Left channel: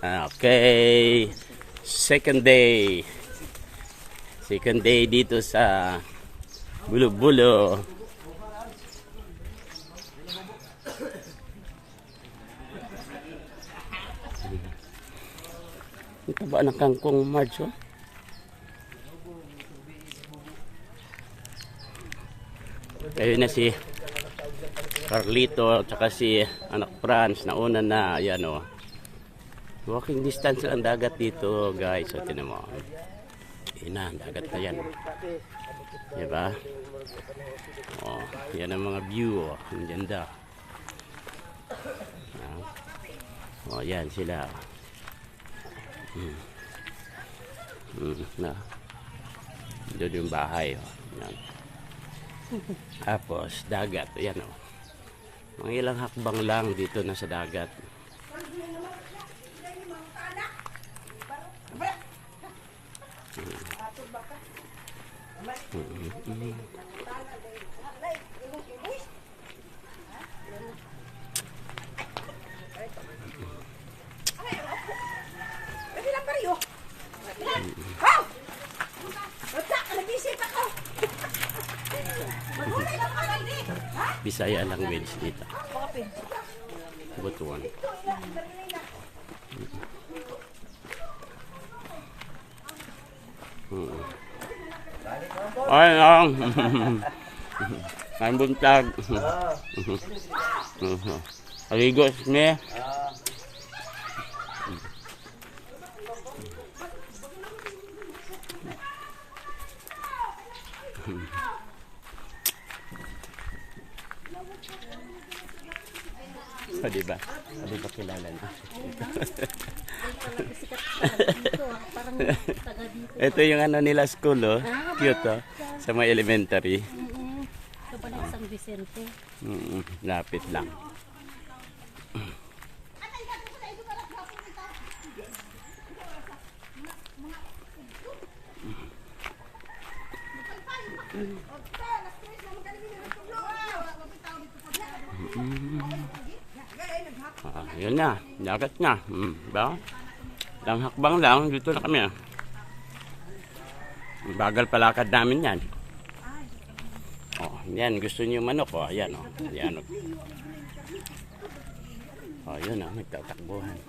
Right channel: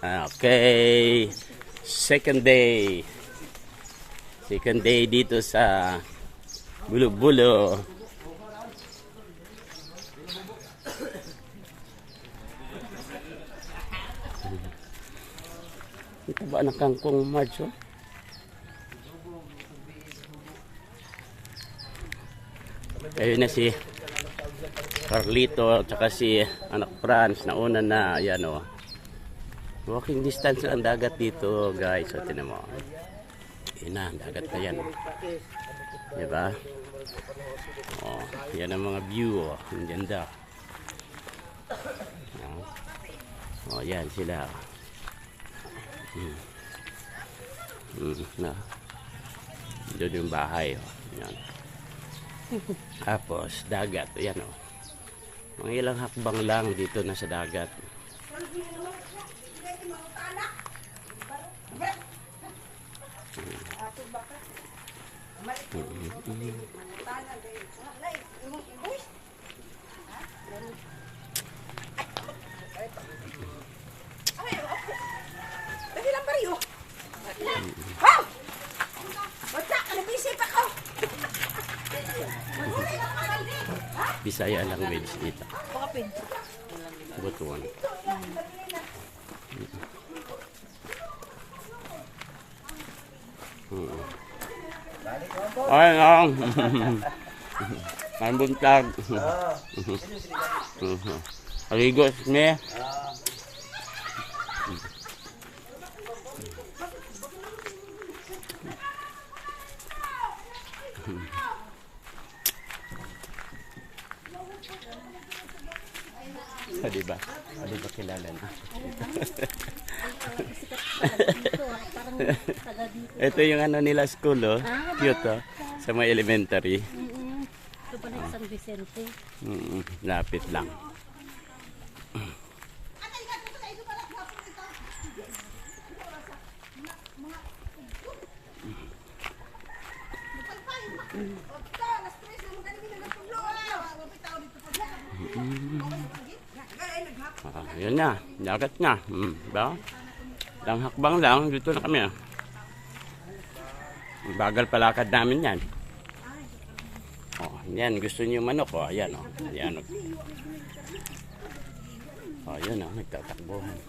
Okay. Second day. Second day dito sa Bulo-Bulo. Ito ba ang kangkong Mads? Ayun na si Carlito at saka si anak Franz na una na. Ayan o. Walking distance ang dagat dito guys. So tinan mo. Ayan na, dagat na yan. Diba? Oh, yan ang mga view. Oh. Ang ganda. Oh, yan sila. Na. Doon yung bahay. Oh. Yan. Tapos dagat. Ayan o. Mga ilang hakbang lang dito na sa dagat. Bisaya language dito. Butuan. Ay, ang. Ang buntag. Aligos niya. O, diba? O, diba kilala na? Ito yung ano nila school, oh. Cute, oh. Sa mga elementary. Ito pa na San Vicente. Lapit lang. Yun na, dagat na. Ba? Lang hakbang lang, dito na kami. Bagal palakad namin yan. Oh, yan, gusto niyo manok, oh. Ayan, oh. Ayan, oh. Oh, yun, oh, nagtatakbuhan.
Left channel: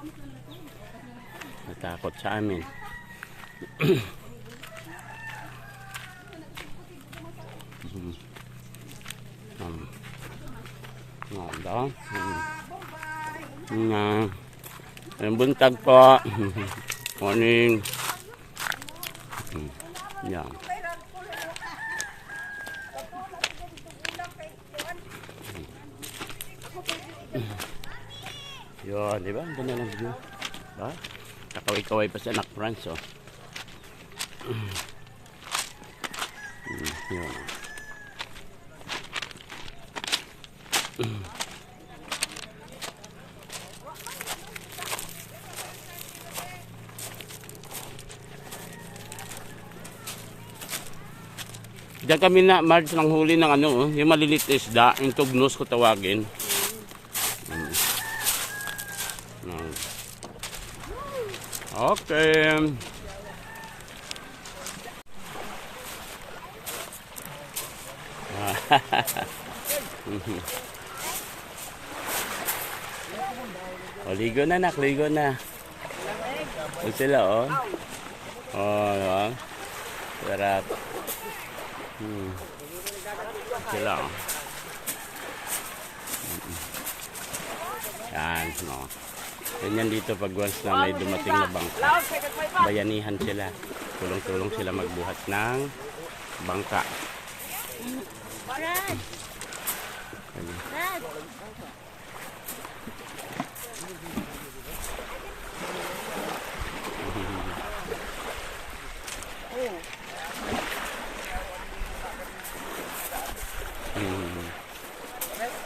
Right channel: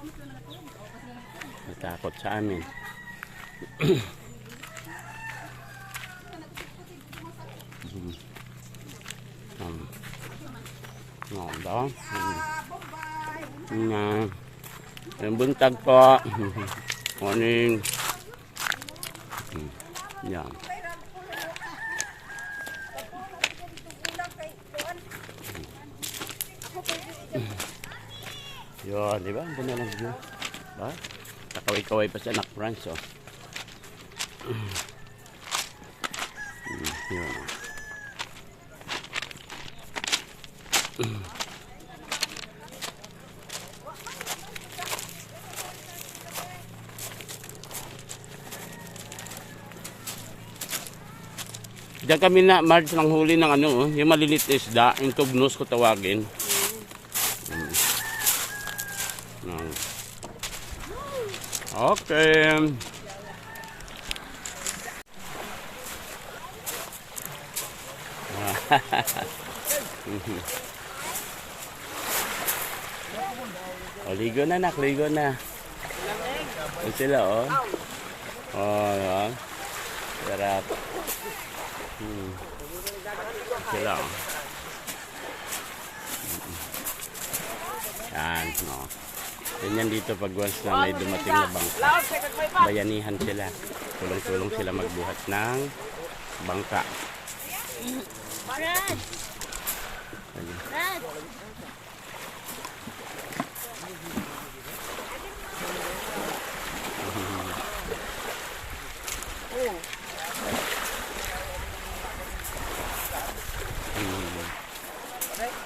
Natakot sa amin. Yung buntag po. Morning. Yan. Yun, di ba? Ang ganda ng view. Ba? Kakaway-kaway pa siya, anak Franz, oh. Yun. Diyan kami na March ng huli ng ano, yung malilit isda, yung tugnos ko tawagin. Okay. O, ligo na nak, ligo na. O sila, oh. Oh, oh. Sarap. Sila, oh. Yan, no. Ganyan dito pag once na may dumating na bangka. Bayanihan sila. Tulong-tulong sila magbuhat ng bangka.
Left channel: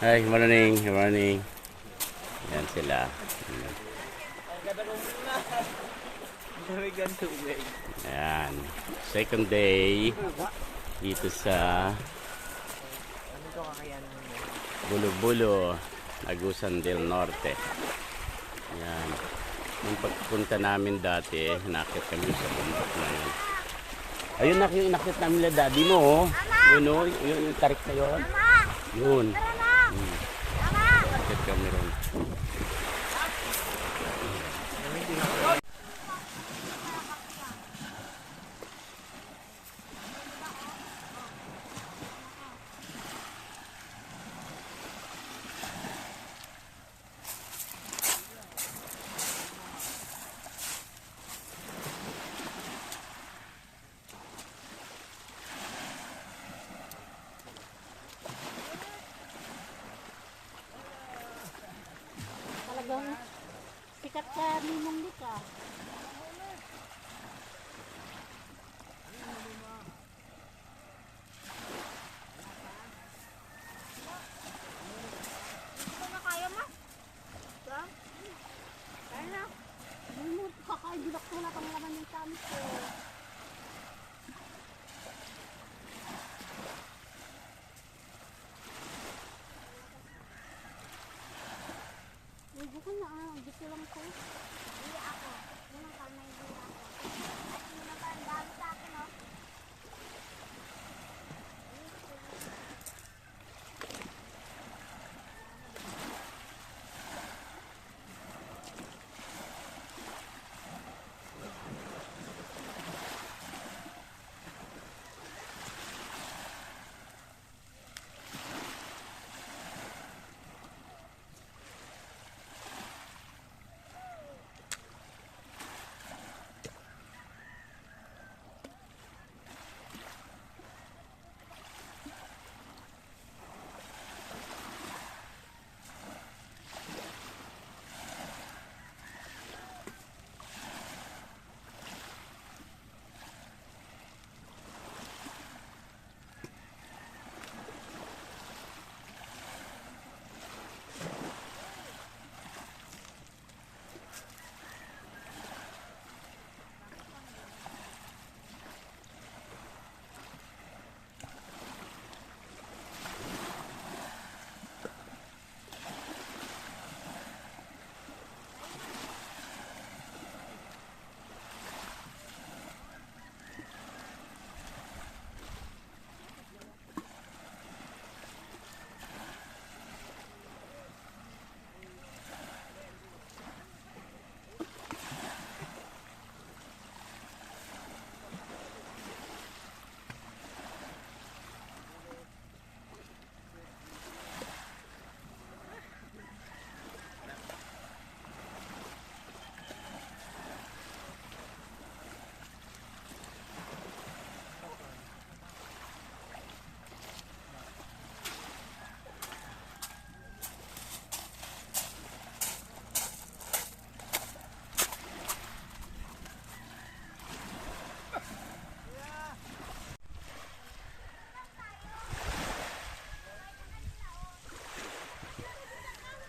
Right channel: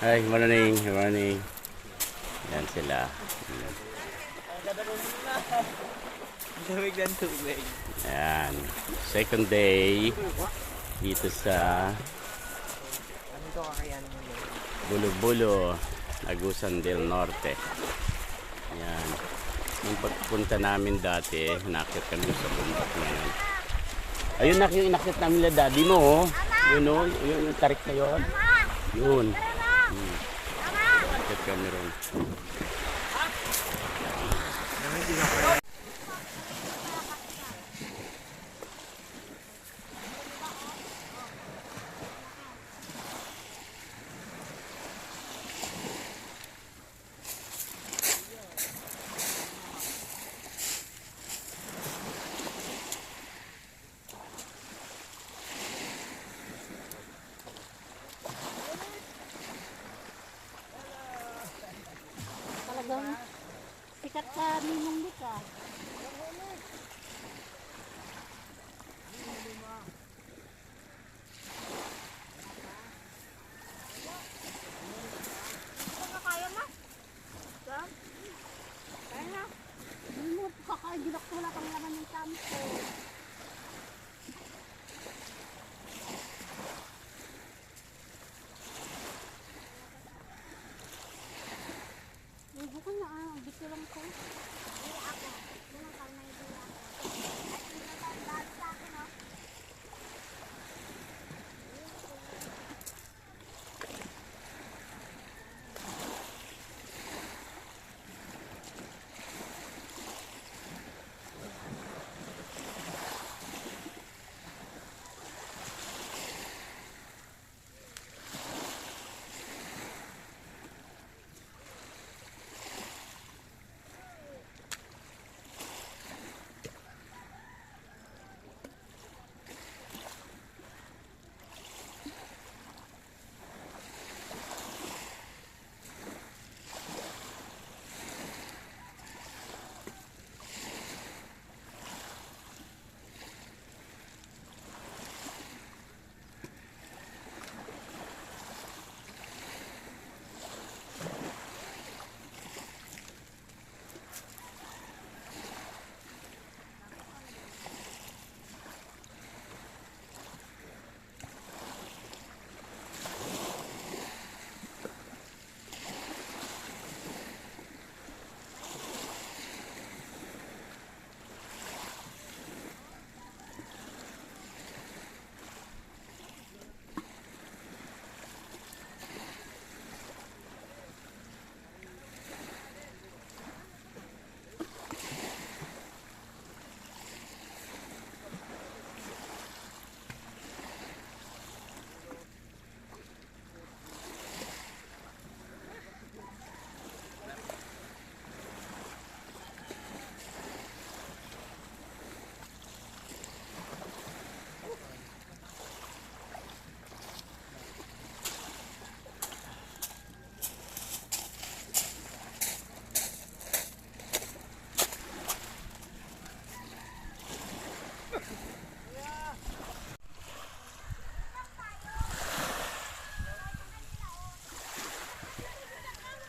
Ay, morning, morning. Yan sila. Yan. Second day dito sa Bulo-Bulo, Agusan del Norte. Yan. Nung pagpunta namin dati, nakit kami doon sa bundok na yun. Ayun na yung inakit namin na daddy mo, oh. Yun, oh. Yung tarik na yun. Yun. Nakit kami ron. Talagang sikat ka Ninong Lika. Kaya mo? Yan? Kaya? Hindi mo kakaibulak ko na kang laman ng kampo. Ligo ko na dito lang ko. Hindi ako. Yan ang kalmay din ako. At hindi na ba ang dami sa akin, no?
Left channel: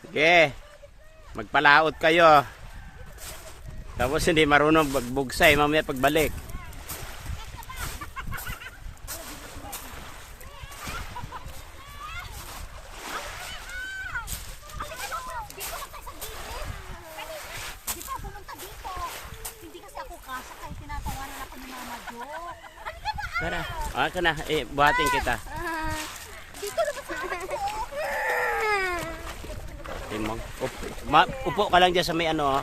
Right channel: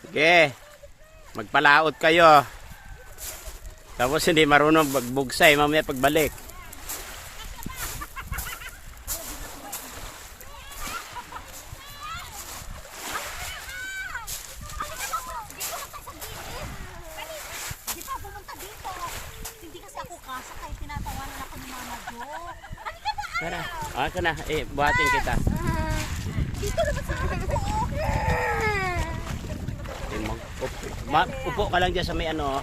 Sige, magpalaot kayo. Tapos hindi marunong magbugsay mamaya pagbalik. Di pa pumunta dito. Hindi kasi ako kasakay. Tinatawanan ako ni Mama Jo. Halika na! Tara, ka na. Buhatin kita. Dito naman sa akin ko. Upo ka lang dyan sa may ano.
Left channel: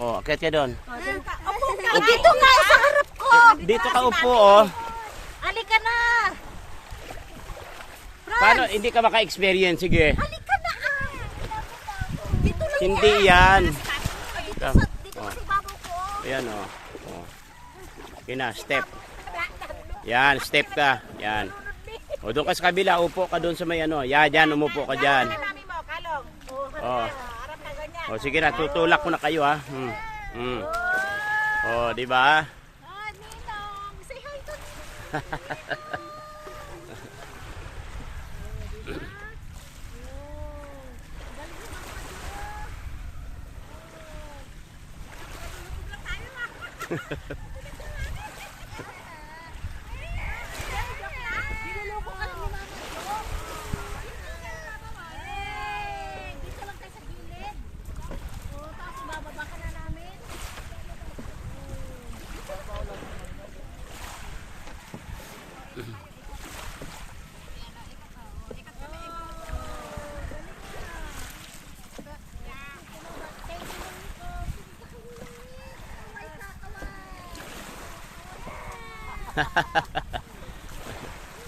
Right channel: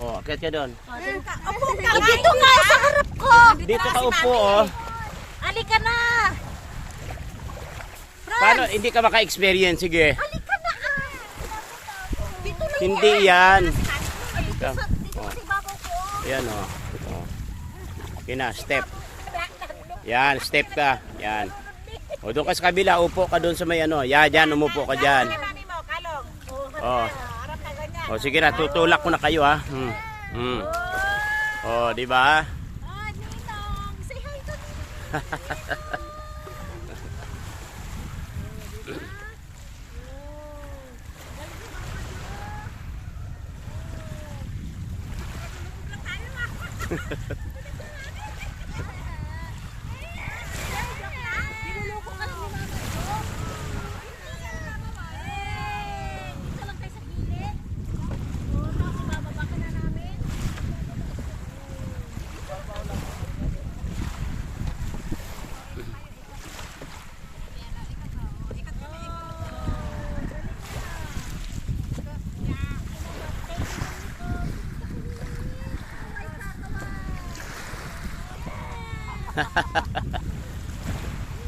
Oh, akit ka doon. Dito nga sa harap ko. Dito ka upo, oh. Halika na! Paano hindi ka maka-experience? Sige. Halika na! Dito na Hindi yan. dito Oh. sa ibabaw ko. Ayan, oh. Oh. Okay na, step. Yan, step ka. Yan. O, doon ka sa kabila. Upo ka doon sa may ano. Yan, dyan. Umupo ka dyan. Oh. Oh, sige na. Tutulak ko na kayo, ha. Oh, di ba? Ninong! Say hi to Ninong! Binuloko ka ni Mama Jo. Dito lang tayo sa gilid. Tapos ibababa ka na namin.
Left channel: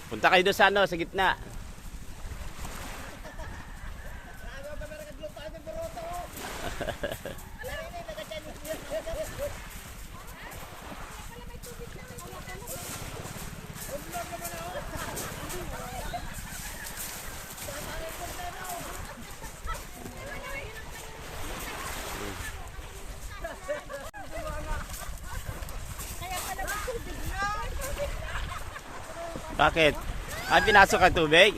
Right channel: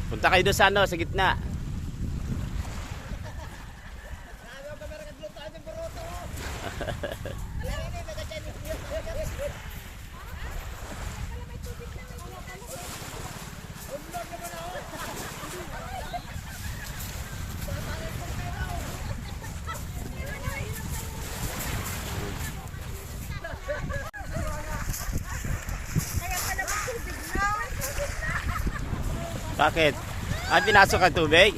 Punta kayo doon sa ano, sa gitna. Bakit? Ay, pinasok ang tubig?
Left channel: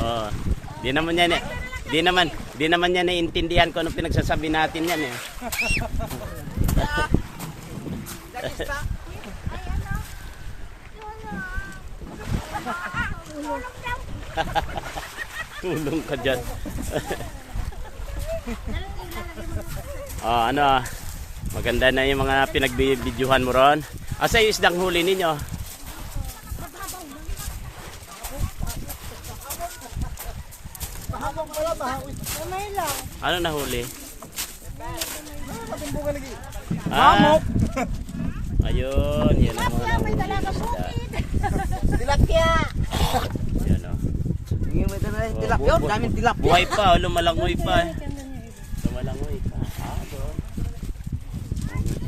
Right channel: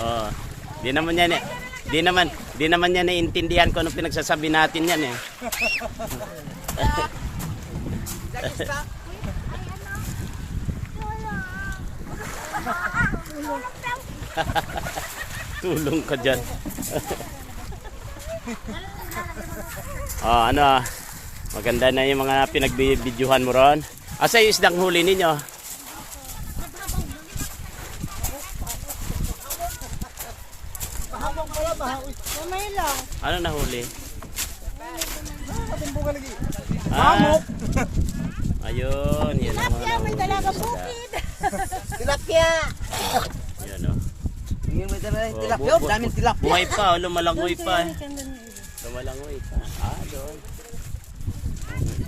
Oh, di naman niya naiintindihan kung ano pinagsasabi natin yan eh. Tulong ka dyan. Oh, ano, maganda na yung mga pinagbibidyohan mo ron. Asa yung isdang huli ninyo? Ano nahuli? Ah, ayun, yan ang mga nahuli. Tilapia! Yan o. Tingin mo ito na yung tilapia. Daming tilapia. Buhay pa, lumalangoy pa. Lumalangoy pa. Ah, doon.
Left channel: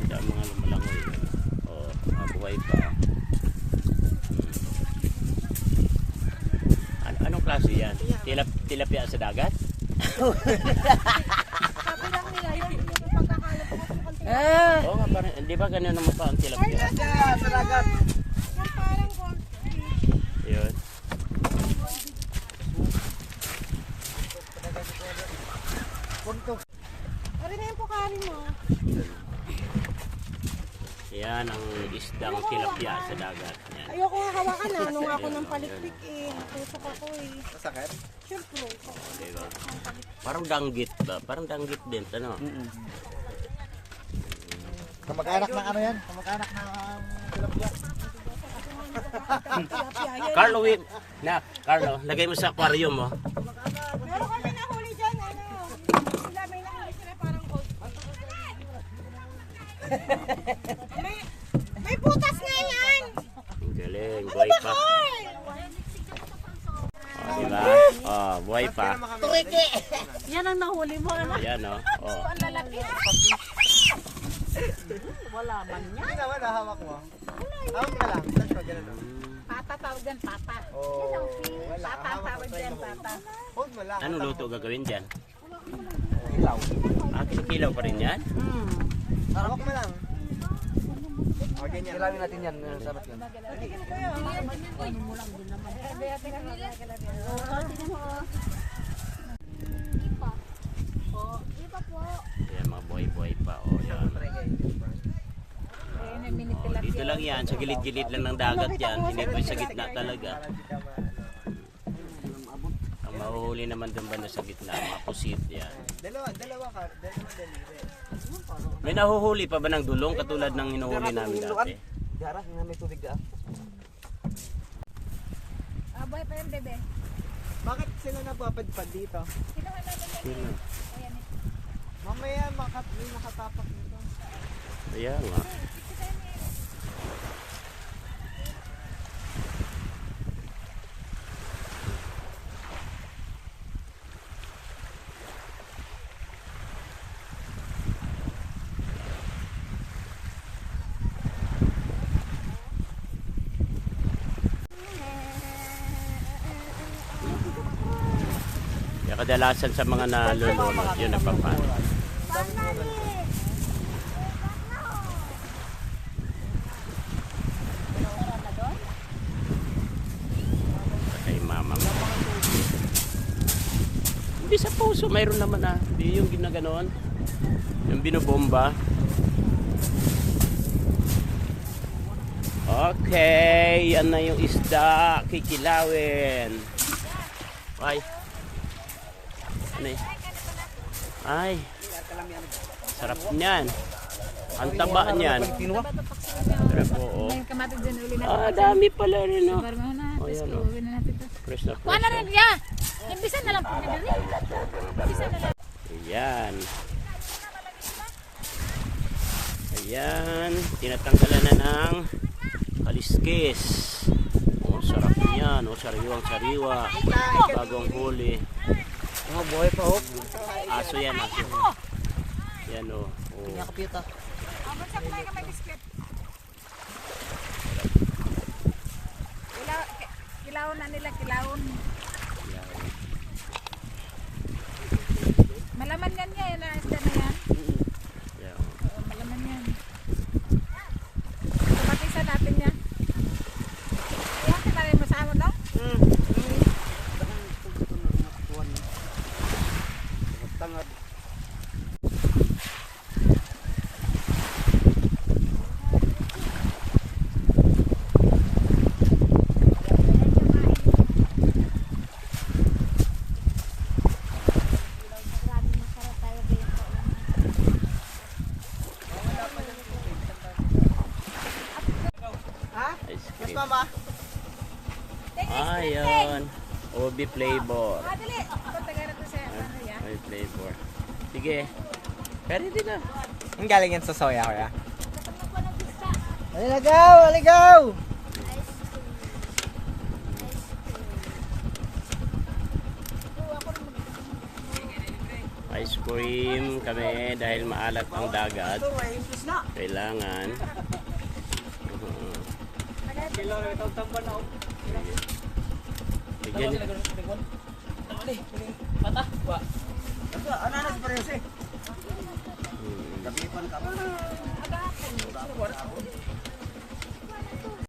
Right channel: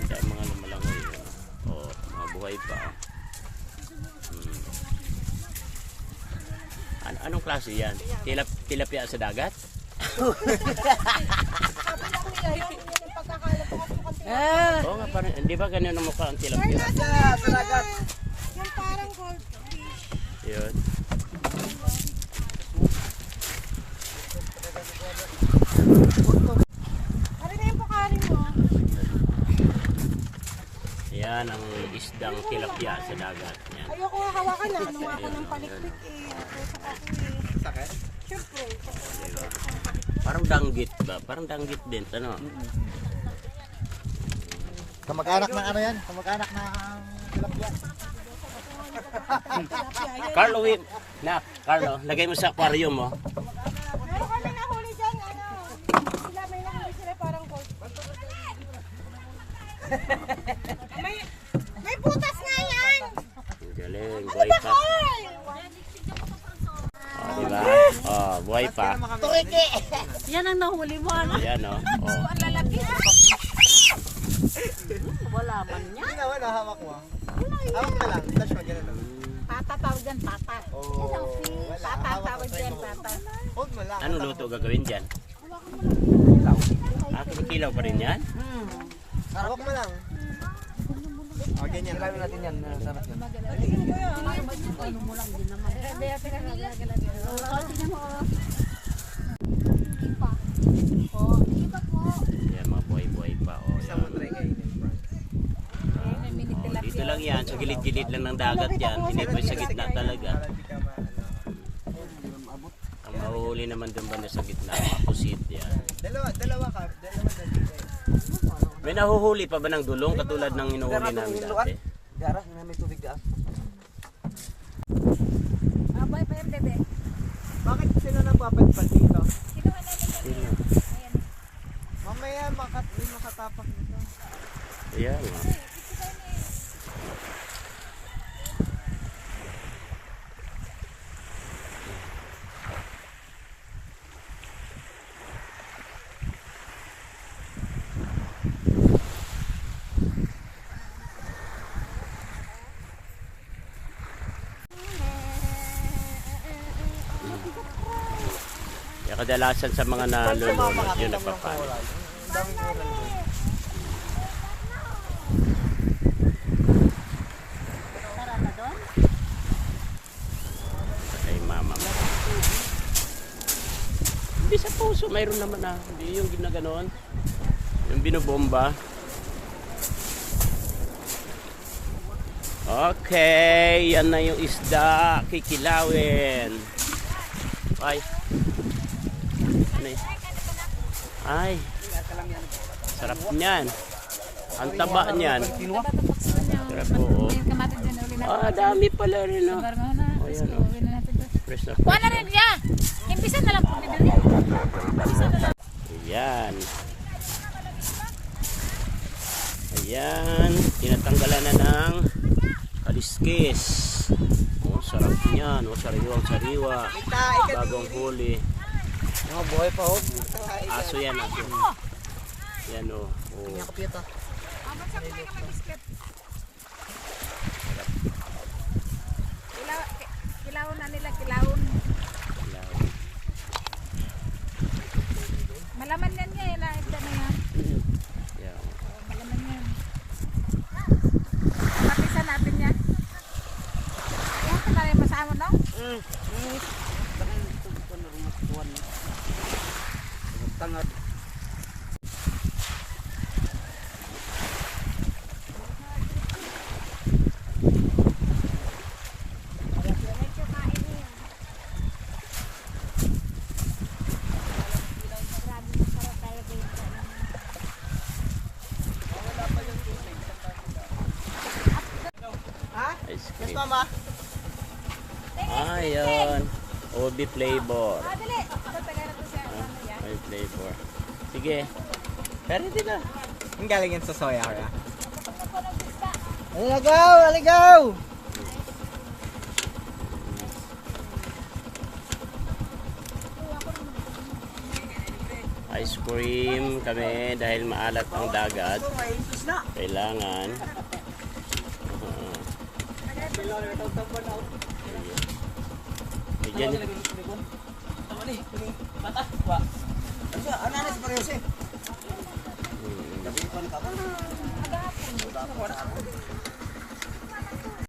Sila ang mga lumalangoy. Oh, buhay pa. Anong klase yan? Tilapia sa dagat? Oo nga, parang, hindi ba ganun ang mukha ang tilapia? Sa dagat. Yun. Ano na yung pukarin mo? Yan ang isdang tilapia sa dagat. Yan. Ayoko nga hawakan na. Nung ako Ayun, ng oh, palikpik eh. Nakusak ako eh. Sakit? Siyempre. Diba? Parang danggit ba? Parang danggit din. Ano? Kamag-anak ng ano yan? Kamag-anak ng tilapia. Carlo, Carlo, lagay mo sa aquarium mo. Meron kami nahuli dyan. Ano? Sila may nahuli sila parang gold. May butas nga yan. Ang galing, buhay pa. Oh, diba? Oh, buhay pa. Turiki! Yan ang nahuli mo. Ano? Ayan, oh. Oh. Wala man yan. Hindi naman, hawak mo. Hawak na lang. Touch mo, ganun. Pata tawag dyan, pata. Oh, wala. Pata tawag dyan, pata. Hold mo lang. Ano luto gagawin dyan? Ilaw. Ah, kinikilaw pa rin yan? Hawak mo lang. O, ganyan. Kilawin natin yan. Sarap yan. Patikin ko yun. Yan, mga buhay-buhay pa. Oh, yan. Oh, dito lang yan, sa gilid-gilid lang ng dagat yan. Hindi po sa gitna talaga. Ang mahuhuli naman doon ba na sa gitna, mga pusit yan. Dalawa ka. Dalawa May nahuhuli pa ba ng dulong katulad ng hinuhuli namin dati? Dara, na may tubig ka. Aboy pa yung bebe. Bakit sila napapadpad dito? Kinuha namin kami. Sino? Ayan. Mamaya may makatapak dito. Ayan nga. Kaya kadalasan sa mga nalulunod, yun nagpapalit. Daming oral ko. Kay mama mo. Hindi sa puso, mayroon naman ah. Hindi yung ginaganon. Yung binobomba. Okay, yan na yung isda. Kikilawin. Ay. Ano eh? Ay, sarap niyan. Ang taba niyan. Sarap po. May kamatig dyan uli natin. Ah, dami pala rin, no? Barma na. Oh, Tapos yan, oh. kuhin na natin to. Fresh na Kuha na fresh. rin ya. Imbisan na lang po nila rin. Imbisan na lang. Ayan. Ayan. Tinatanggalan na ng kaliskis. Oh, sarap niyan. Oh, sariwang sariwa. Bagong huli. Mga buhay pa ho. Aso yan, aso. Yan, oh. Oh. Nakapita. Kilawon na nila, kilawon. Yan. Malaman yan niya. Yan na yan. Yan, oh. Malaman yan. Matisan natin yan. Yan ka na rin masama, no? Tangad. Grabe masarap talaga yung Ice Yes, cream. mama. Ayun. OB flavor. dali. Tatagal na to sa ano yan. May flavor. Sige. Pero din na. Ang galing yan sa soya kaya. Aligaw! Aligaw! Ice cream kami dahil maalat ang dagat. Kailangan. Ayan. Ano na si Pariyose?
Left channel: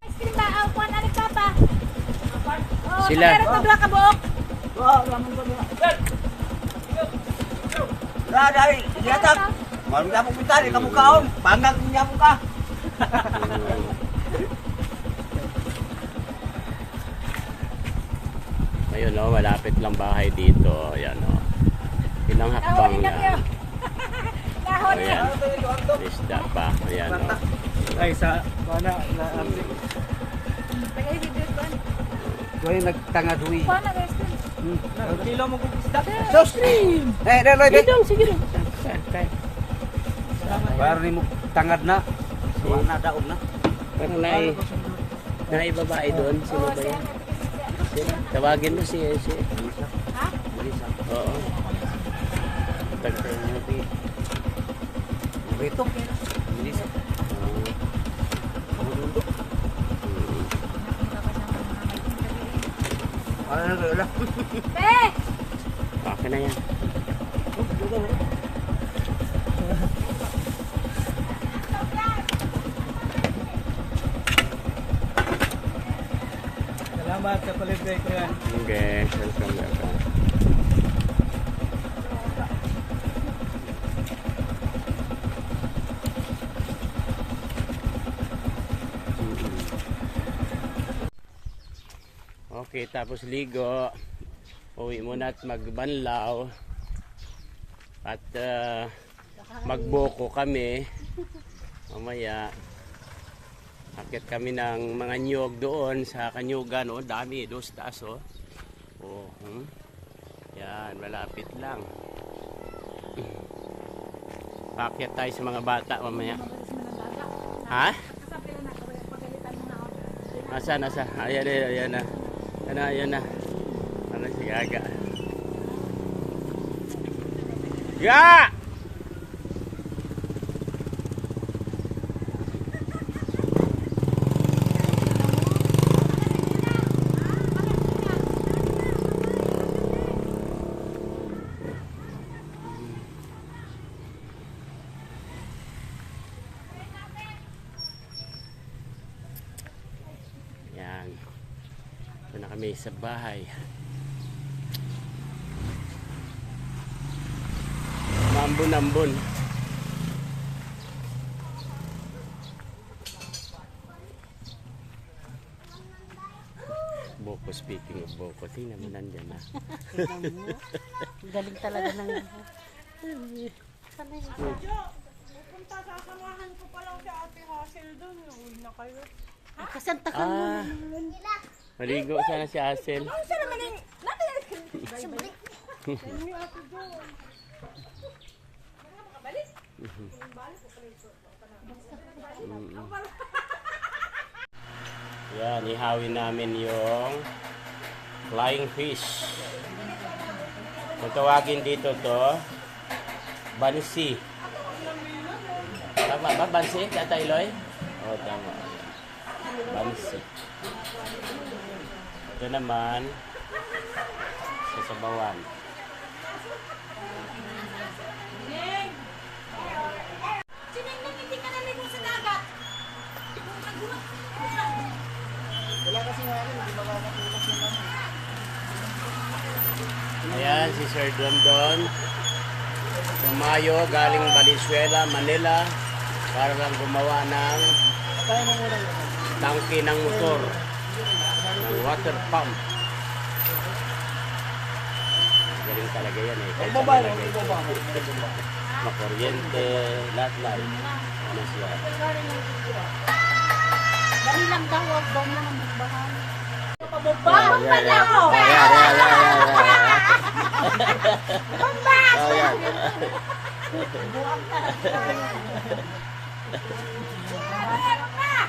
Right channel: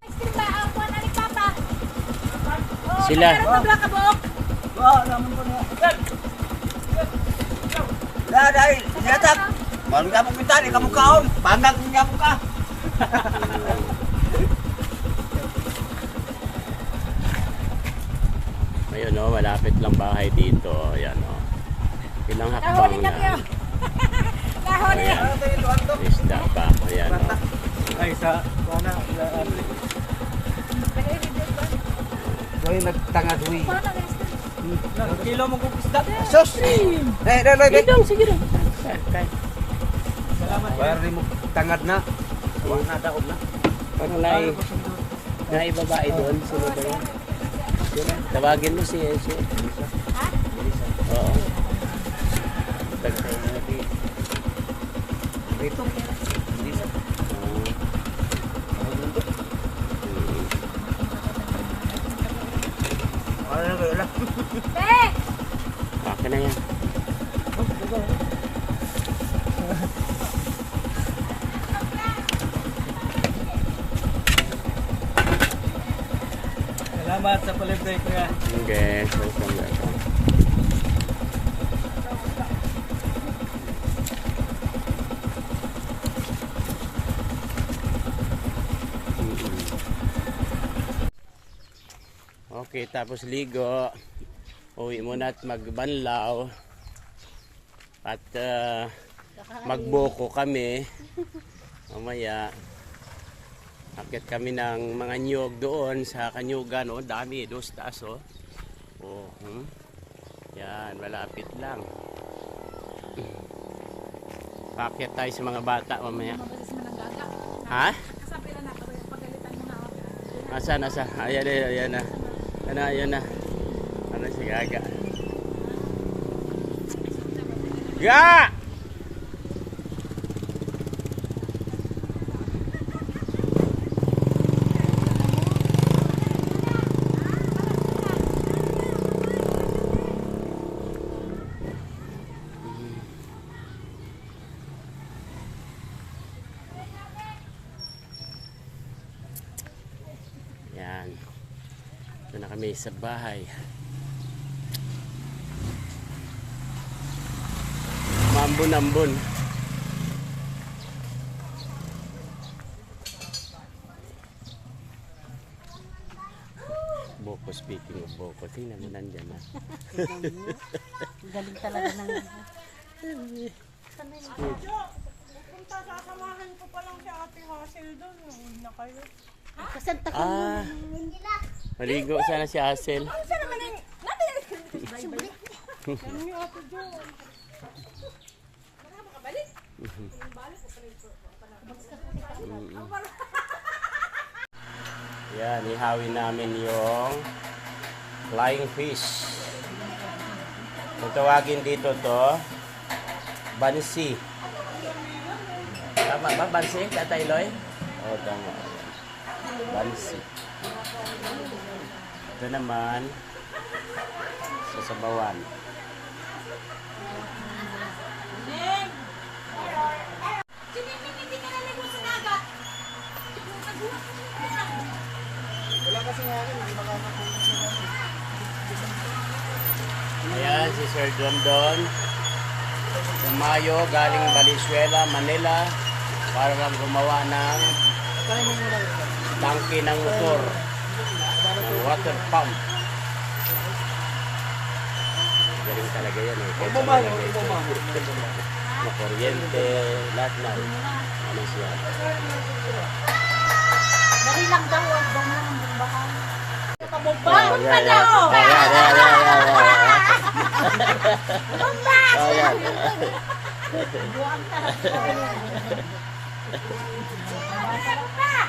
Ice cream ba? Ako na rin papa. Sila. Meron pa bla ka buok. Dahil, siyatak. Malu ka mong pintali, kamu kaong. Pangag niya mo ka. Ayun o, malapit lang bahay dito. Ayan o. Ilang hakbang lang. Ayan. Isda pa. Ayan o. Ay, sa, wala, so yung nagtangad huy. Kilo mo kong isda. Sus! Sige lang. Kaya. Bayar ni mo tangad na. Wala na daon na. Parang naibabae doon. Sino ba yan? Sino? Tawagin mo si Elisa. Oo. Tagtay natin. Ito. Wala na wala. Eh! Okay na yan. Salamat sa palagay ko yan. Okay. Welcome. Okay, tapos ligo. Uwi muna at magbanlaw. At magboko kami. Mamaya. Akit kami ng mga nyog doon sa Kanyugan. O, dami. Doon sa taas, o. Oh, yan, malapit lang. Paakyat tayo sa mga bata mamaya. Ha? Asa? Ayan na. Ayan na. Ano si Gaga? Ga! Yan. Ito na kami sa bahay. Mambon-ambon. Boko, speaking of Boko, tingnan mo nandyan na. Galing talaga ng... Pupunta, sasamahan ko pa lang si Ate Hazel doon. Huwag na kayo. Santa ka Ah, maligo sana si Hazel. Saan naman yung... Subli. Yan, ihawin namin yung flying fish. Kung tawagin dito to, bansi. Tama ba? Bansi? Tatay Loy? Oo, tama. Bansi. Ito naman, sasabawan. Wala kasi nga rin, hindi makakapulang siya namin. Ayan, si Sir Dondon. Tumayo, galing Valenzuela, Manila, para lang gumawa ng Tayo mo muna yun. tangke ng motor, ng water pump. Galing talaga yan eh. Kahit Baba, ano lagay ito. baba. Makuryente, lahat. Ano siya? Dali lang daw. Dali lang. Pababa. Oh, yeah, yeah. Oh, yeah. Bamba! Oh, yeah.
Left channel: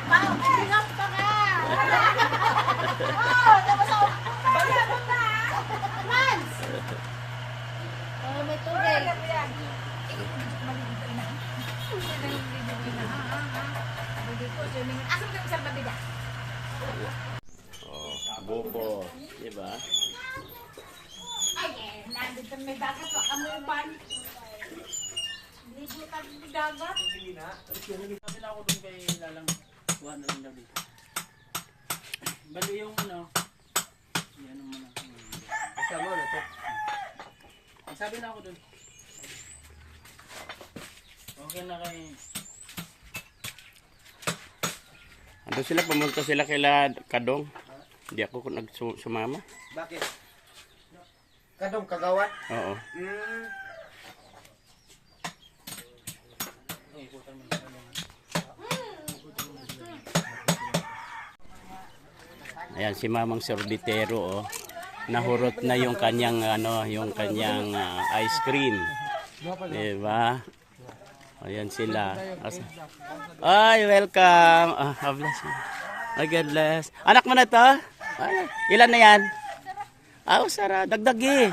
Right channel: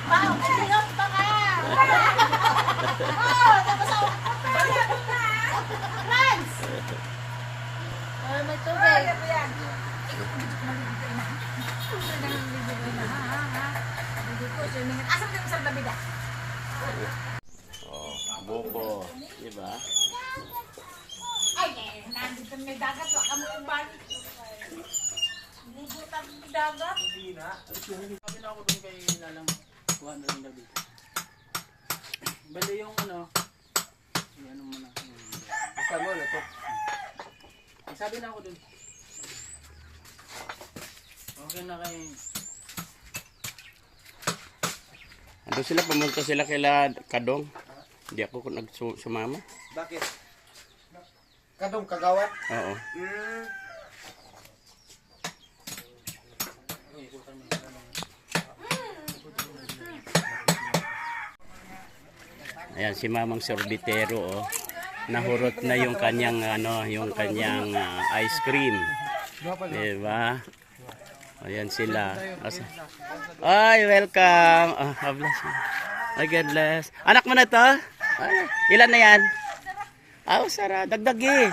Pahok pa ka! Oh, tapos ako. Bamba! Lance! May tubig. Asam kayo sa babida? Oh, buko. Diba? Ay, nandito kami may dagat. Waka mo yung ban. Ligo kami may dagat. Sabi na ako doon kay Lalang, kuha na lang daw dito. Bali yung ano, yan mo na. Basta mo, ito. Sabi na ako doon. Okay na kay... Ano sila? Pumunta sila kila Kadong. Hindi ako nagsumama. Bakit? Kadong kagawat? Oo. Ayan si Mamang Sorbitero, oh. Nahurot na yung kanyang ice cream. Diba? Ayan sila. Ay, welcome. Bless you. Ay, God bless. Anak mo na to? Ay, ilan na yan? Sara. Dagdagi.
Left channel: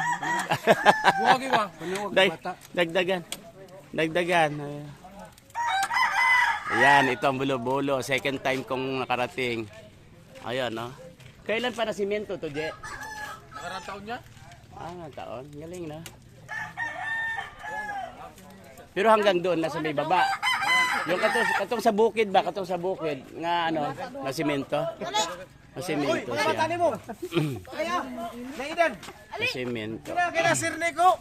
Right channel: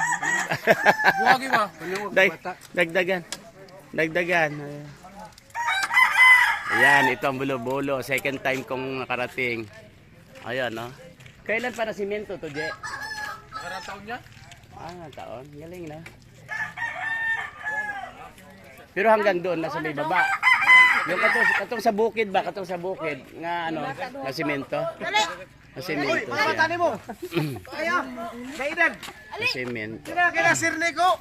Buwagi ba? Dagdagan. Ayan, ito ang bulo-bulo. Second time kong nakarating. Ayan, no? Kailan pa nasimento to, Je? Nakarang taon niya? Taon. Galing na. Pero hanggang doon na sa may baba. Yung katong sa bukid ba? Katong sa bukid. Nga na simento. Na simento siya. Tani mo! Kaya! Naidan! Na simento. Kaya Sir Nico!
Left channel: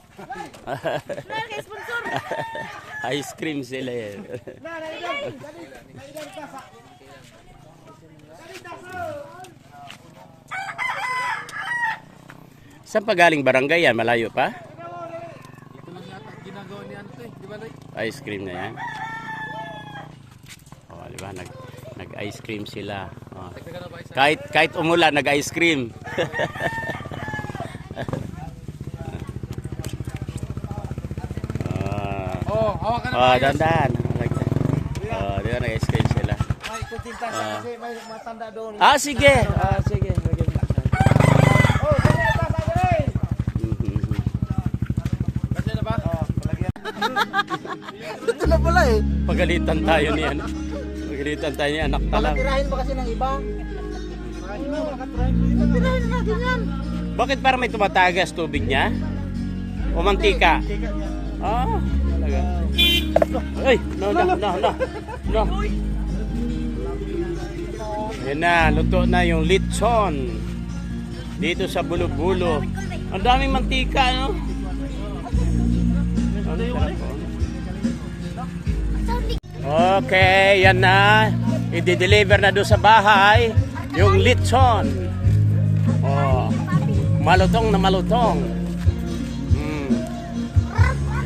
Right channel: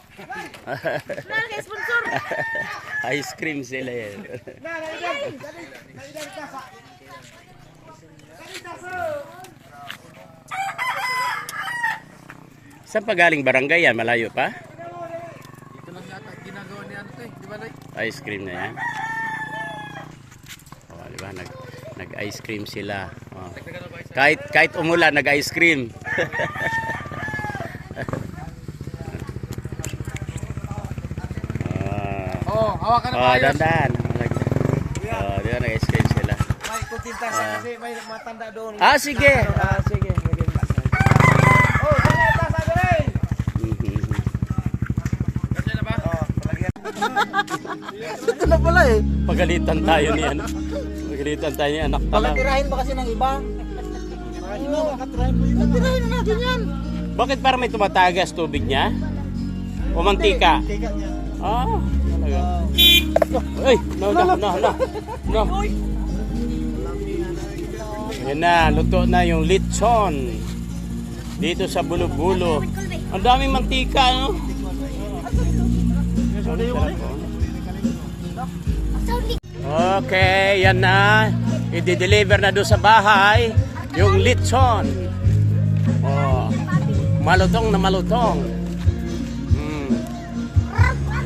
Ice cream sila yan. Saan pa galing barangay yan? Malayo pa? Ito lang yata ginagawa ni ano to eh, di ba Loy? Ice cream na yan. Oh, di ba? Nag-ice cream sila. Oh. Kahit umulan, nag-ice cream. Hawakan na Oh, dandan. Oh, di ba nag-ice cream sila? May kutinta siya kasi may matanda doon. Sige. Sige. Oh, dali ito sa dali! Kasi na ba? Ito na pala eh. Pagalitan tayo ni ano. Pagalitan tayo ni anak talang. Tirahin ba kasi ng iba? Tirahin natin yan. Bakit para may tumatagas tubig niya? O mantika? Talaga. Ay, no. Ayan na, luto na yung lechon. Dito sa Bulo-Bulo. Ang daming mantika, no? Ang sarap, oh. Okay, yan na. I-deliver na doon sa bahay yung lechon. Oh, malutong na malutong.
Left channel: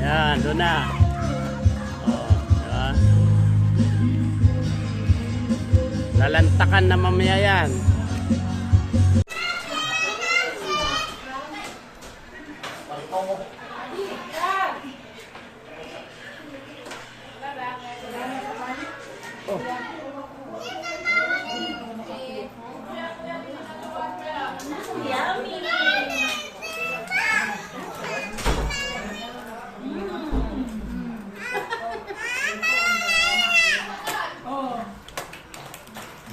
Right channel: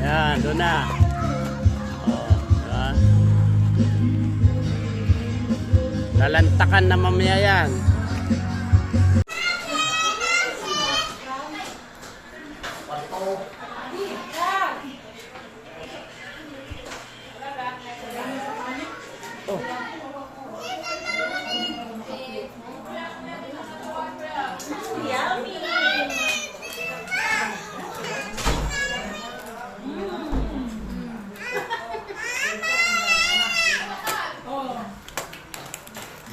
Yan, doon na. Oh, diba? Lalantakan na mamaya yan.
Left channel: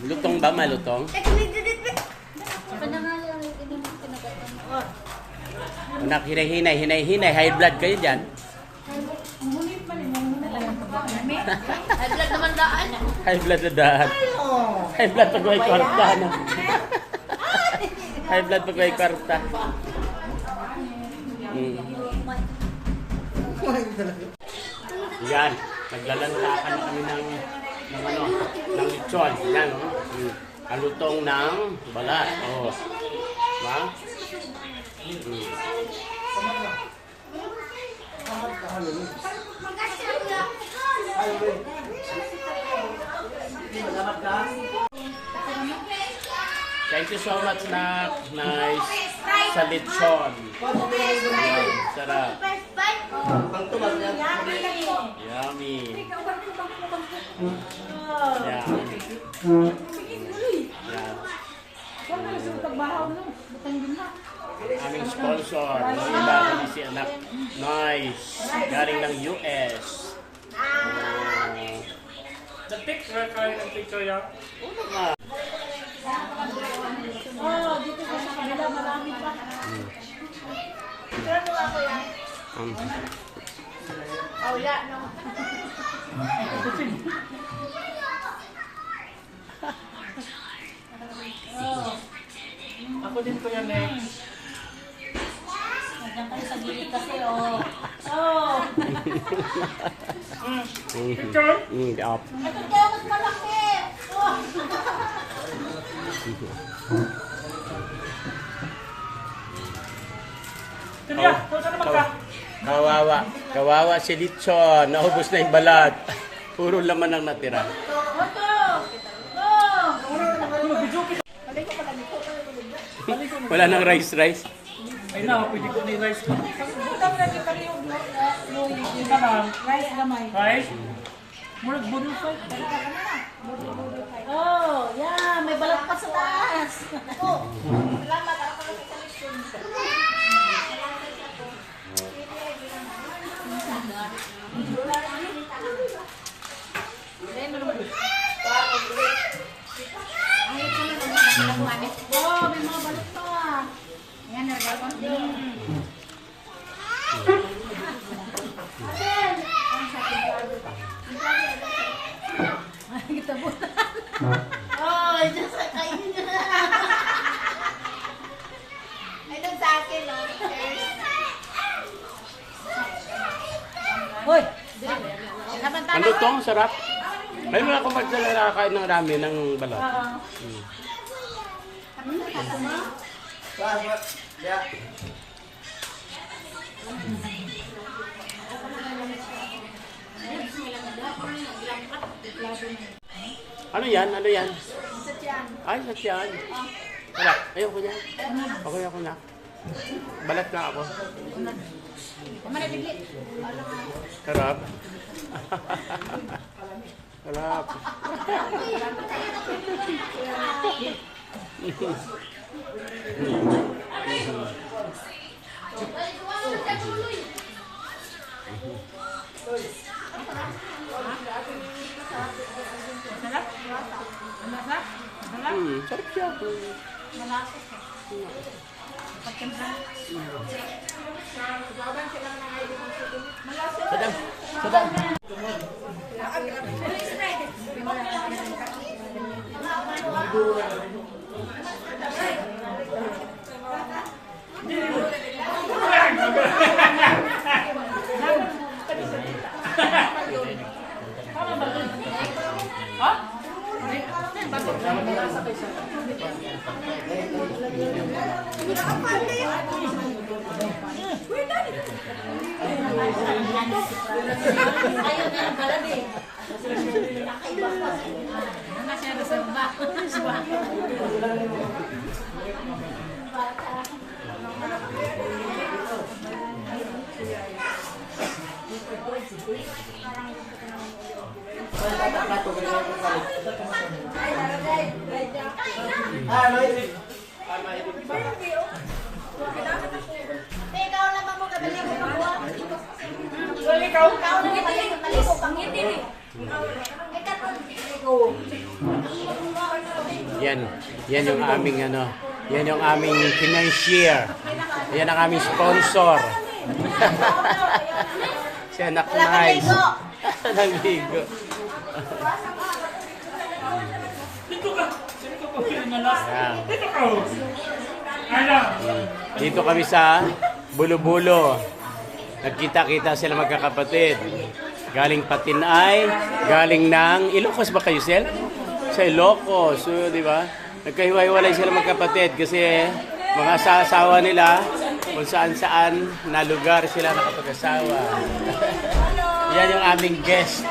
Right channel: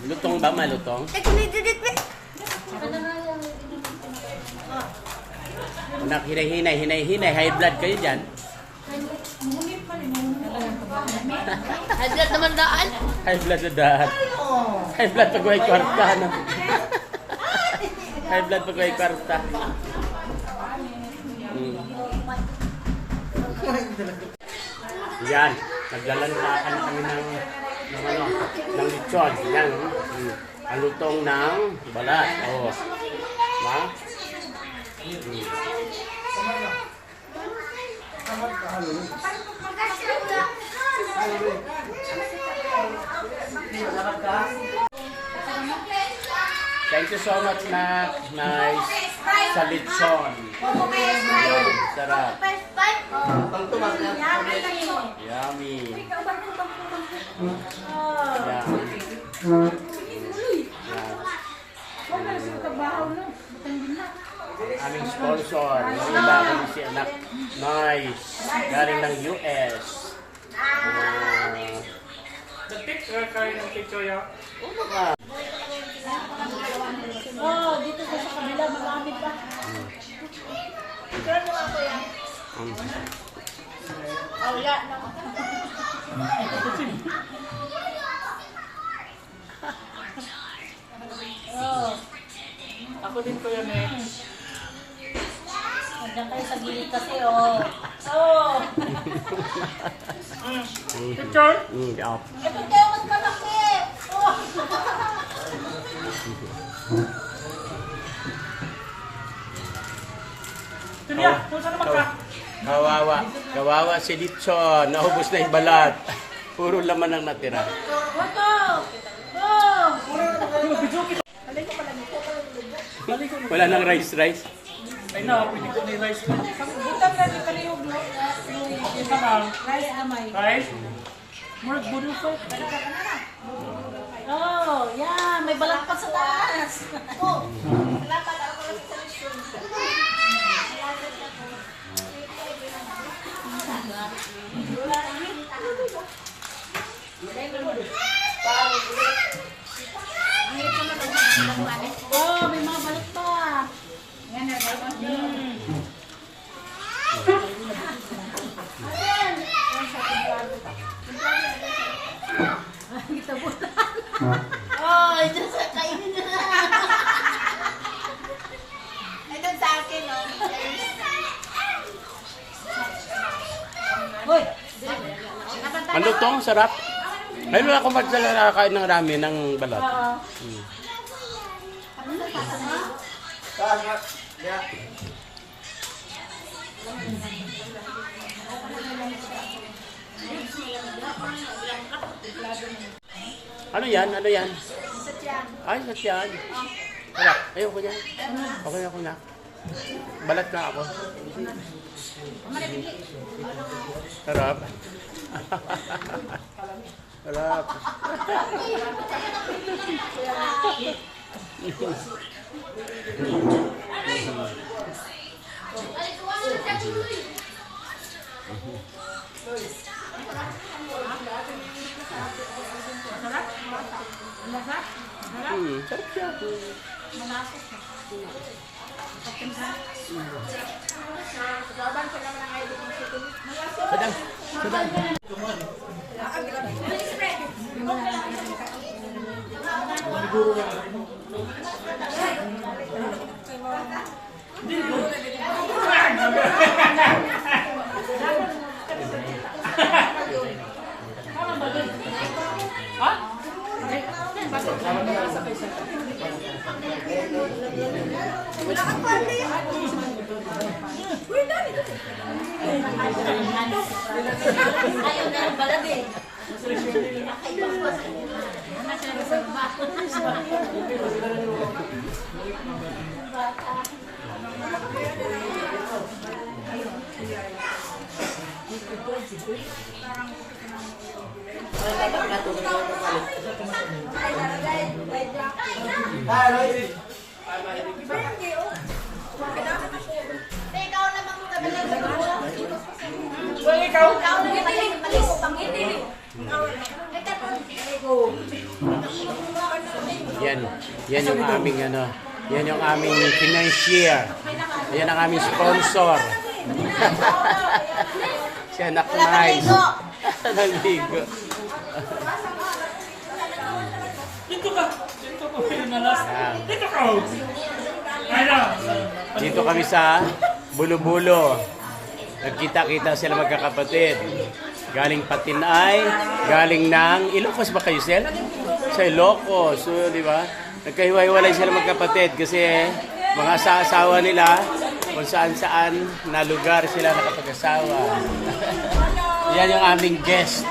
Lutong ba? Malutong? Anak, hinay-hinay. High blood kayo dyan. Naglat naman daan. High blood na daan. High blood pag may kwarta, no? High blood pag may kwarta. Yan. Naglalantakan na kami ng lechon. Yan, no? Alutong ng balat. Oh. Ma? Thank you so much, Nak. Nice. Sa lechon. Yan, sarap. Yummy. Yan. Aming sponsor. Yung iba ko si Anak. Nice. Galing ng US. The picture, kaya ng picture yan. Oh, dito sa kabila marami pa. Sure mo ako yan. Oh, yeah, no. Ako din ko yan eh. Nandiyan kayo sa gilid kasi, oh. Oh. Picture? Up. Ito kayo mas malaki. Oh. Sige, tuto naman ka. Kawawa si lechon. Naubos na yung balat. Puro laman ang natira. Oto. Oh. Alay ko pala nito. Alay ko. Wala nang rice. Ay na, pwede ko ni rice. Butang lagi pa rin yung Isa lang. rice gamay. Rice? Murag budo ko. Oh, yeah, may balat pa sa taas. Oh, salamat ako lang sa solution. Oh, may mga balat pa. Yan na, oh, dyan sa kainin na. Ay, doon sa akin, no? Hoy! Ano tong sarap? May mga kumag sa nakakain ng rami ng balat. Ano yan? Sa tiyan. Ay, sa tiyan. Wala. Ayoko niyan. Okay ako na. Balat na ako. Sarap. Sarap. Sarap siya. Sadang. Ikaw naman mo gabi ng well, ikaw na naman malis pangiti. Yan yung aming ano, yan yung aming financier. Yan ang aming sponsor. Siya naknice. Naligo. Dito kami sa Bulo-Bulo. Nagkita-kita sila magkakapatid. Galing Patinay, galing ng Ilocos ba kayo, Sel? Sa Ilocos, so, di ba? Nagkahiwa-hiwalay sila magkapatid kasi mga asawa nila kung saan-saan na lugar sila nakapag-asawa. Yan yung aming guest.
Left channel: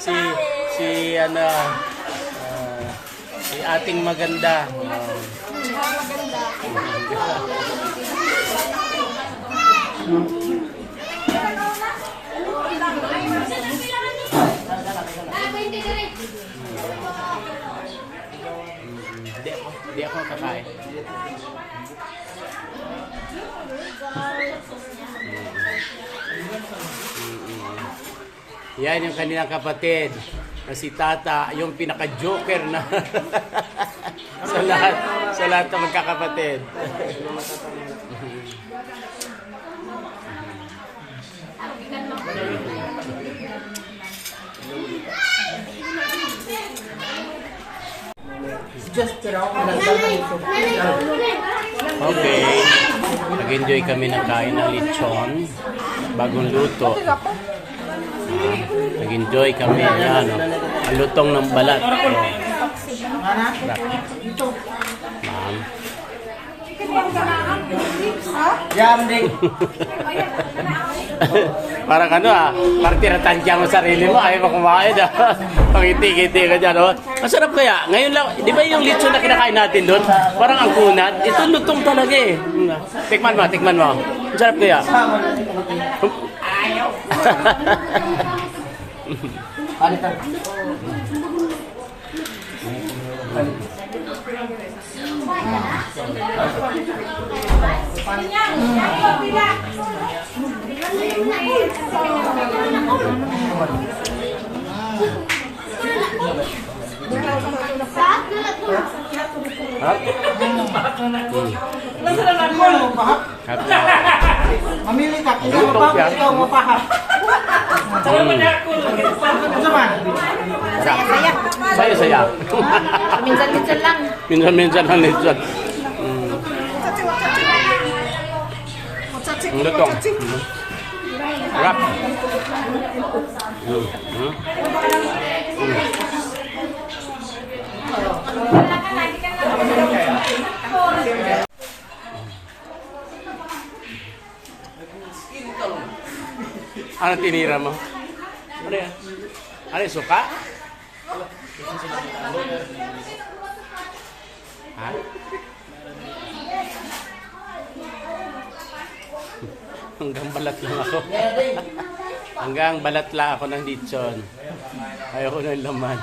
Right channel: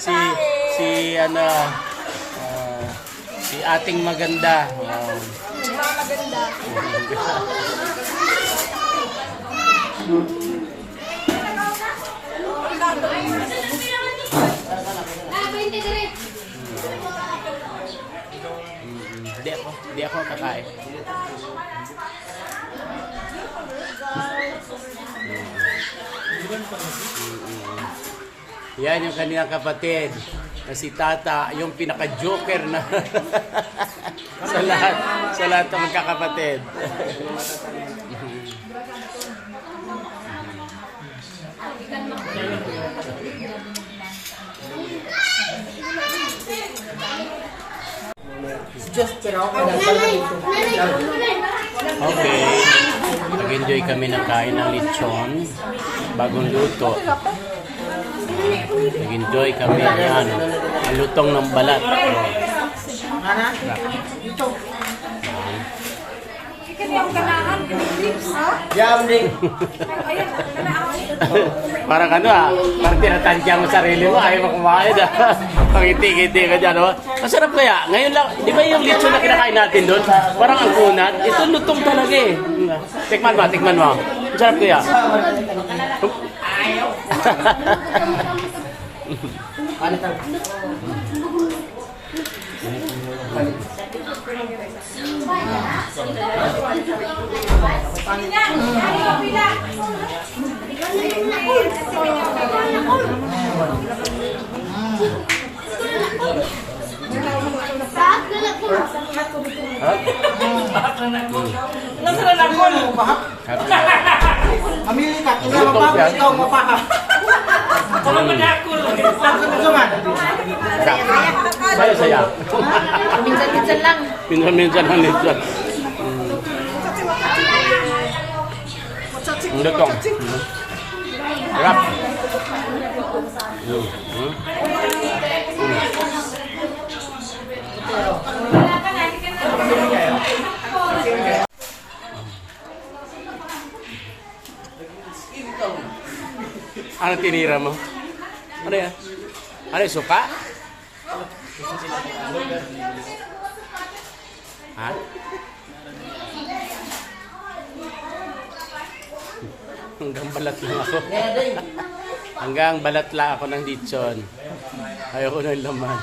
si ating maganda. Hindi ako kakain. Yan yung kanilang kapatid na si Tata, yung pinaka-joker na sa lahat ng magkakapatid. Okay. Nag-enjoy kami ng kain ng lechon. Bagong luto. Nag-enjoy kami. Yan. Ang lutong ng balat. Parang ano parang tinatansya mo sarili mo, ayaw mo kumain pangiti-kiti ka dyan, masarap kaya, ngayon lang, di ba yung lechon na kinakain natin doon, parang ang kunat, ito lutong talaga eh, tikman mo, masarap kaya. Ayaw. Mamili ka, ikaw mo pa. Saya. Minsan-minsan lang. Minsan lang lechon. Ang lutong. Harap. Ano tinira mo? Ano yan? Ano yung suka? Ha? Hanggang balat lang ako. Hanggang balat lang ako ng lechon. Ayoko ng laman.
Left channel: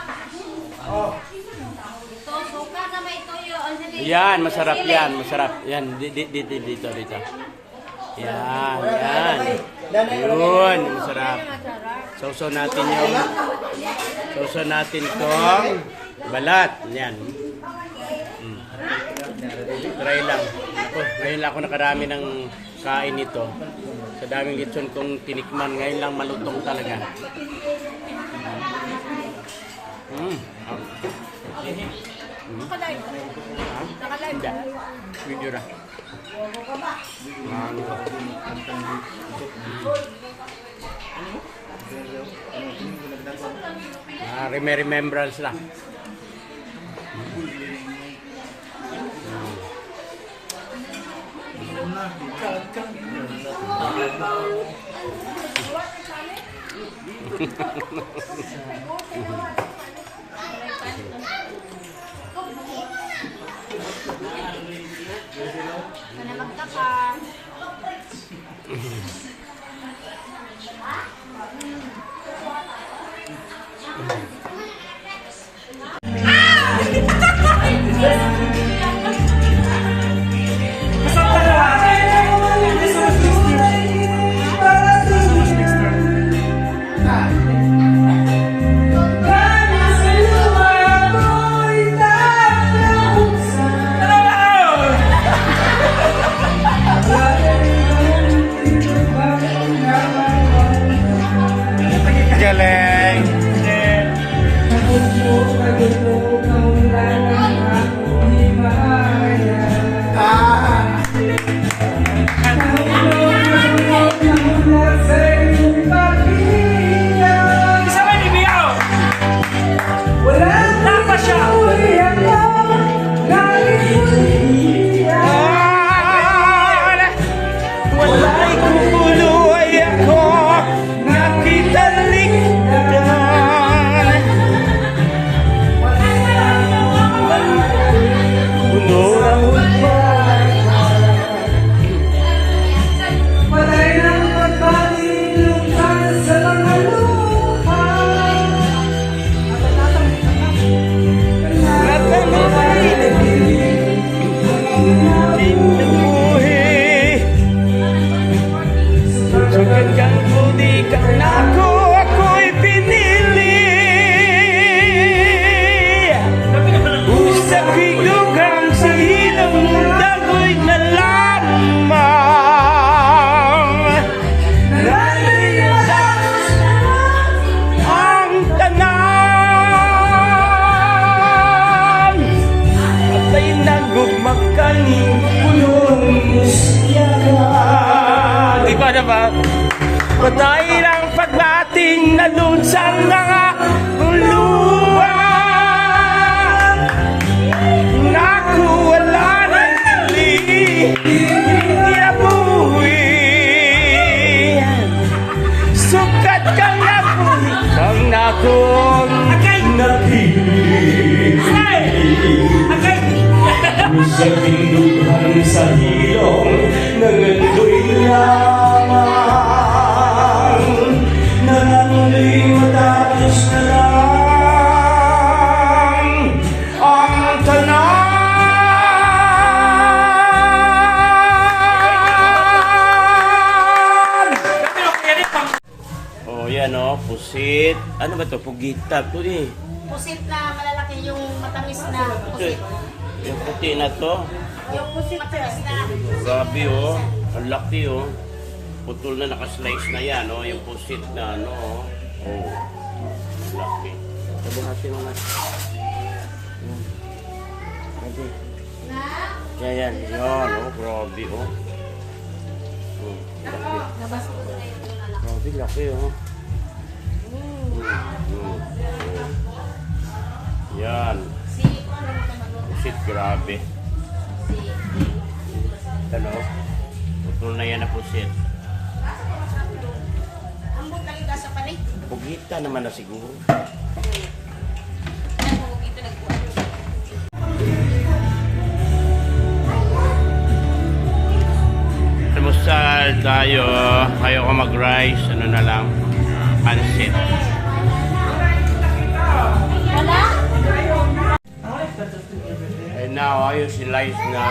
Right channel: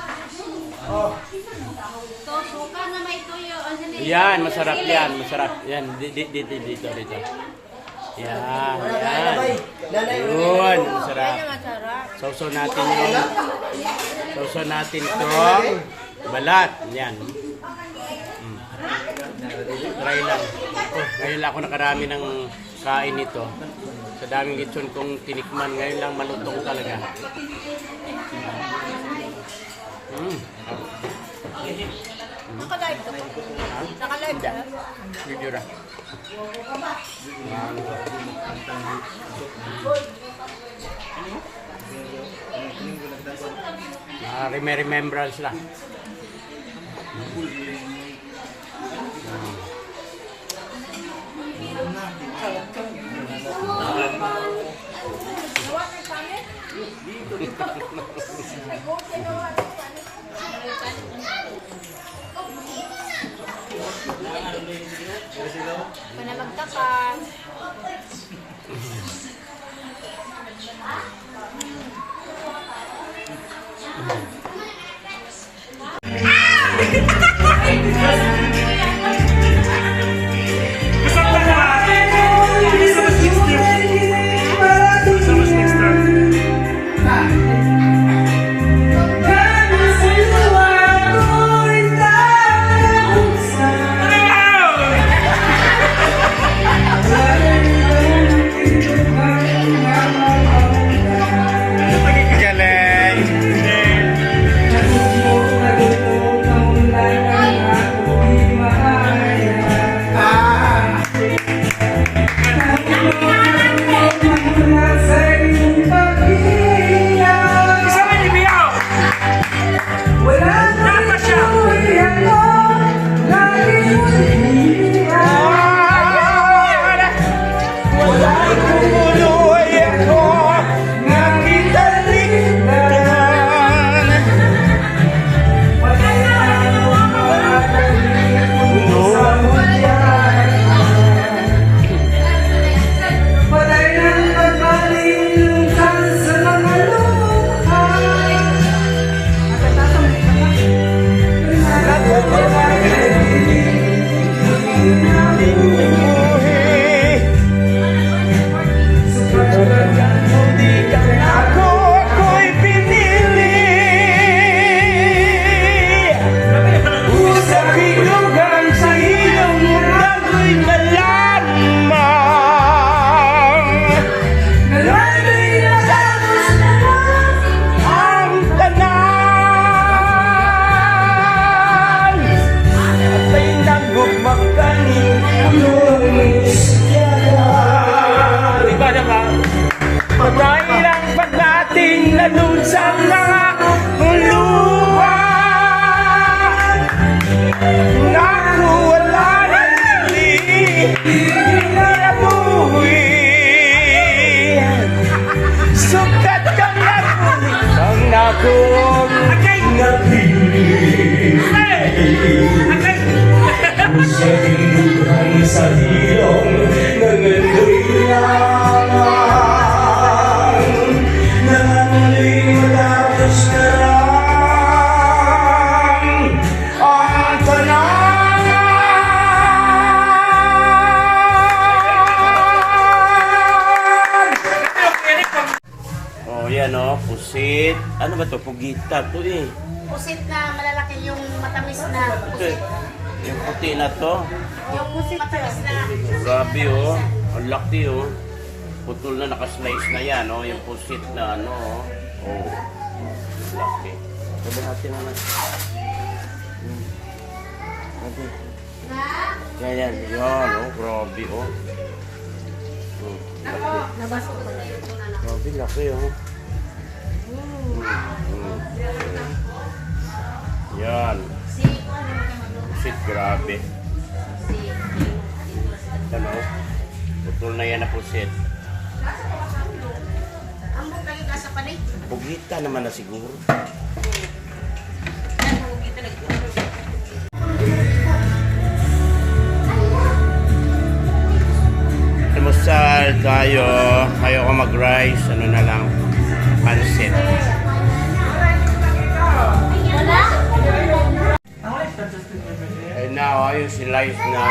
Yan, masarap yan. Masarap. Yan, dito. Yan. Yun, masarap. Sausaw natin tong balat. Yan. Try lang. Ako, ngayon lang ako nakarami ng kain nito. Sa daming lechon kong tinikman, ngayon lang malutong talaga. Ha? Hindi. Video na. Remembrance lang. Mana magtapan. Dahil ang pagdating na dun sa mga luwan, naku wala nang hindi na buwi. Sukat ka na buwi ang nakong napili. Sa tinduhan sa hilong nangandoy lamang, nangandoy matapos na lang ang tanan. Oh, yan oh, pusit. Ano ba to? Pugita to eh. Pusit na malalaki yung matamis na Ito, pusit. yung puti na to. Yung pusit matamis na. Grabe oh. Ang laki oh. Putol na nakaslice na yan oh. Yung pusit na ano oh. Oh. Ang laki. Sabi natin mga. Grabe. Yan yan. Yan oh. Grabe oh. Laki. Nabasa ko na yung una. Grabe laki oh. Yan. Si, ano mo kayo magluto? Pusit grabe. Ano? Putol na yan na pusit. Ambot tayo ka sa panig. Pugita naman na siguro. Almusal tayo. Kayo ko mag-rice. Ano na lang. Pansit. And now, yung slice na.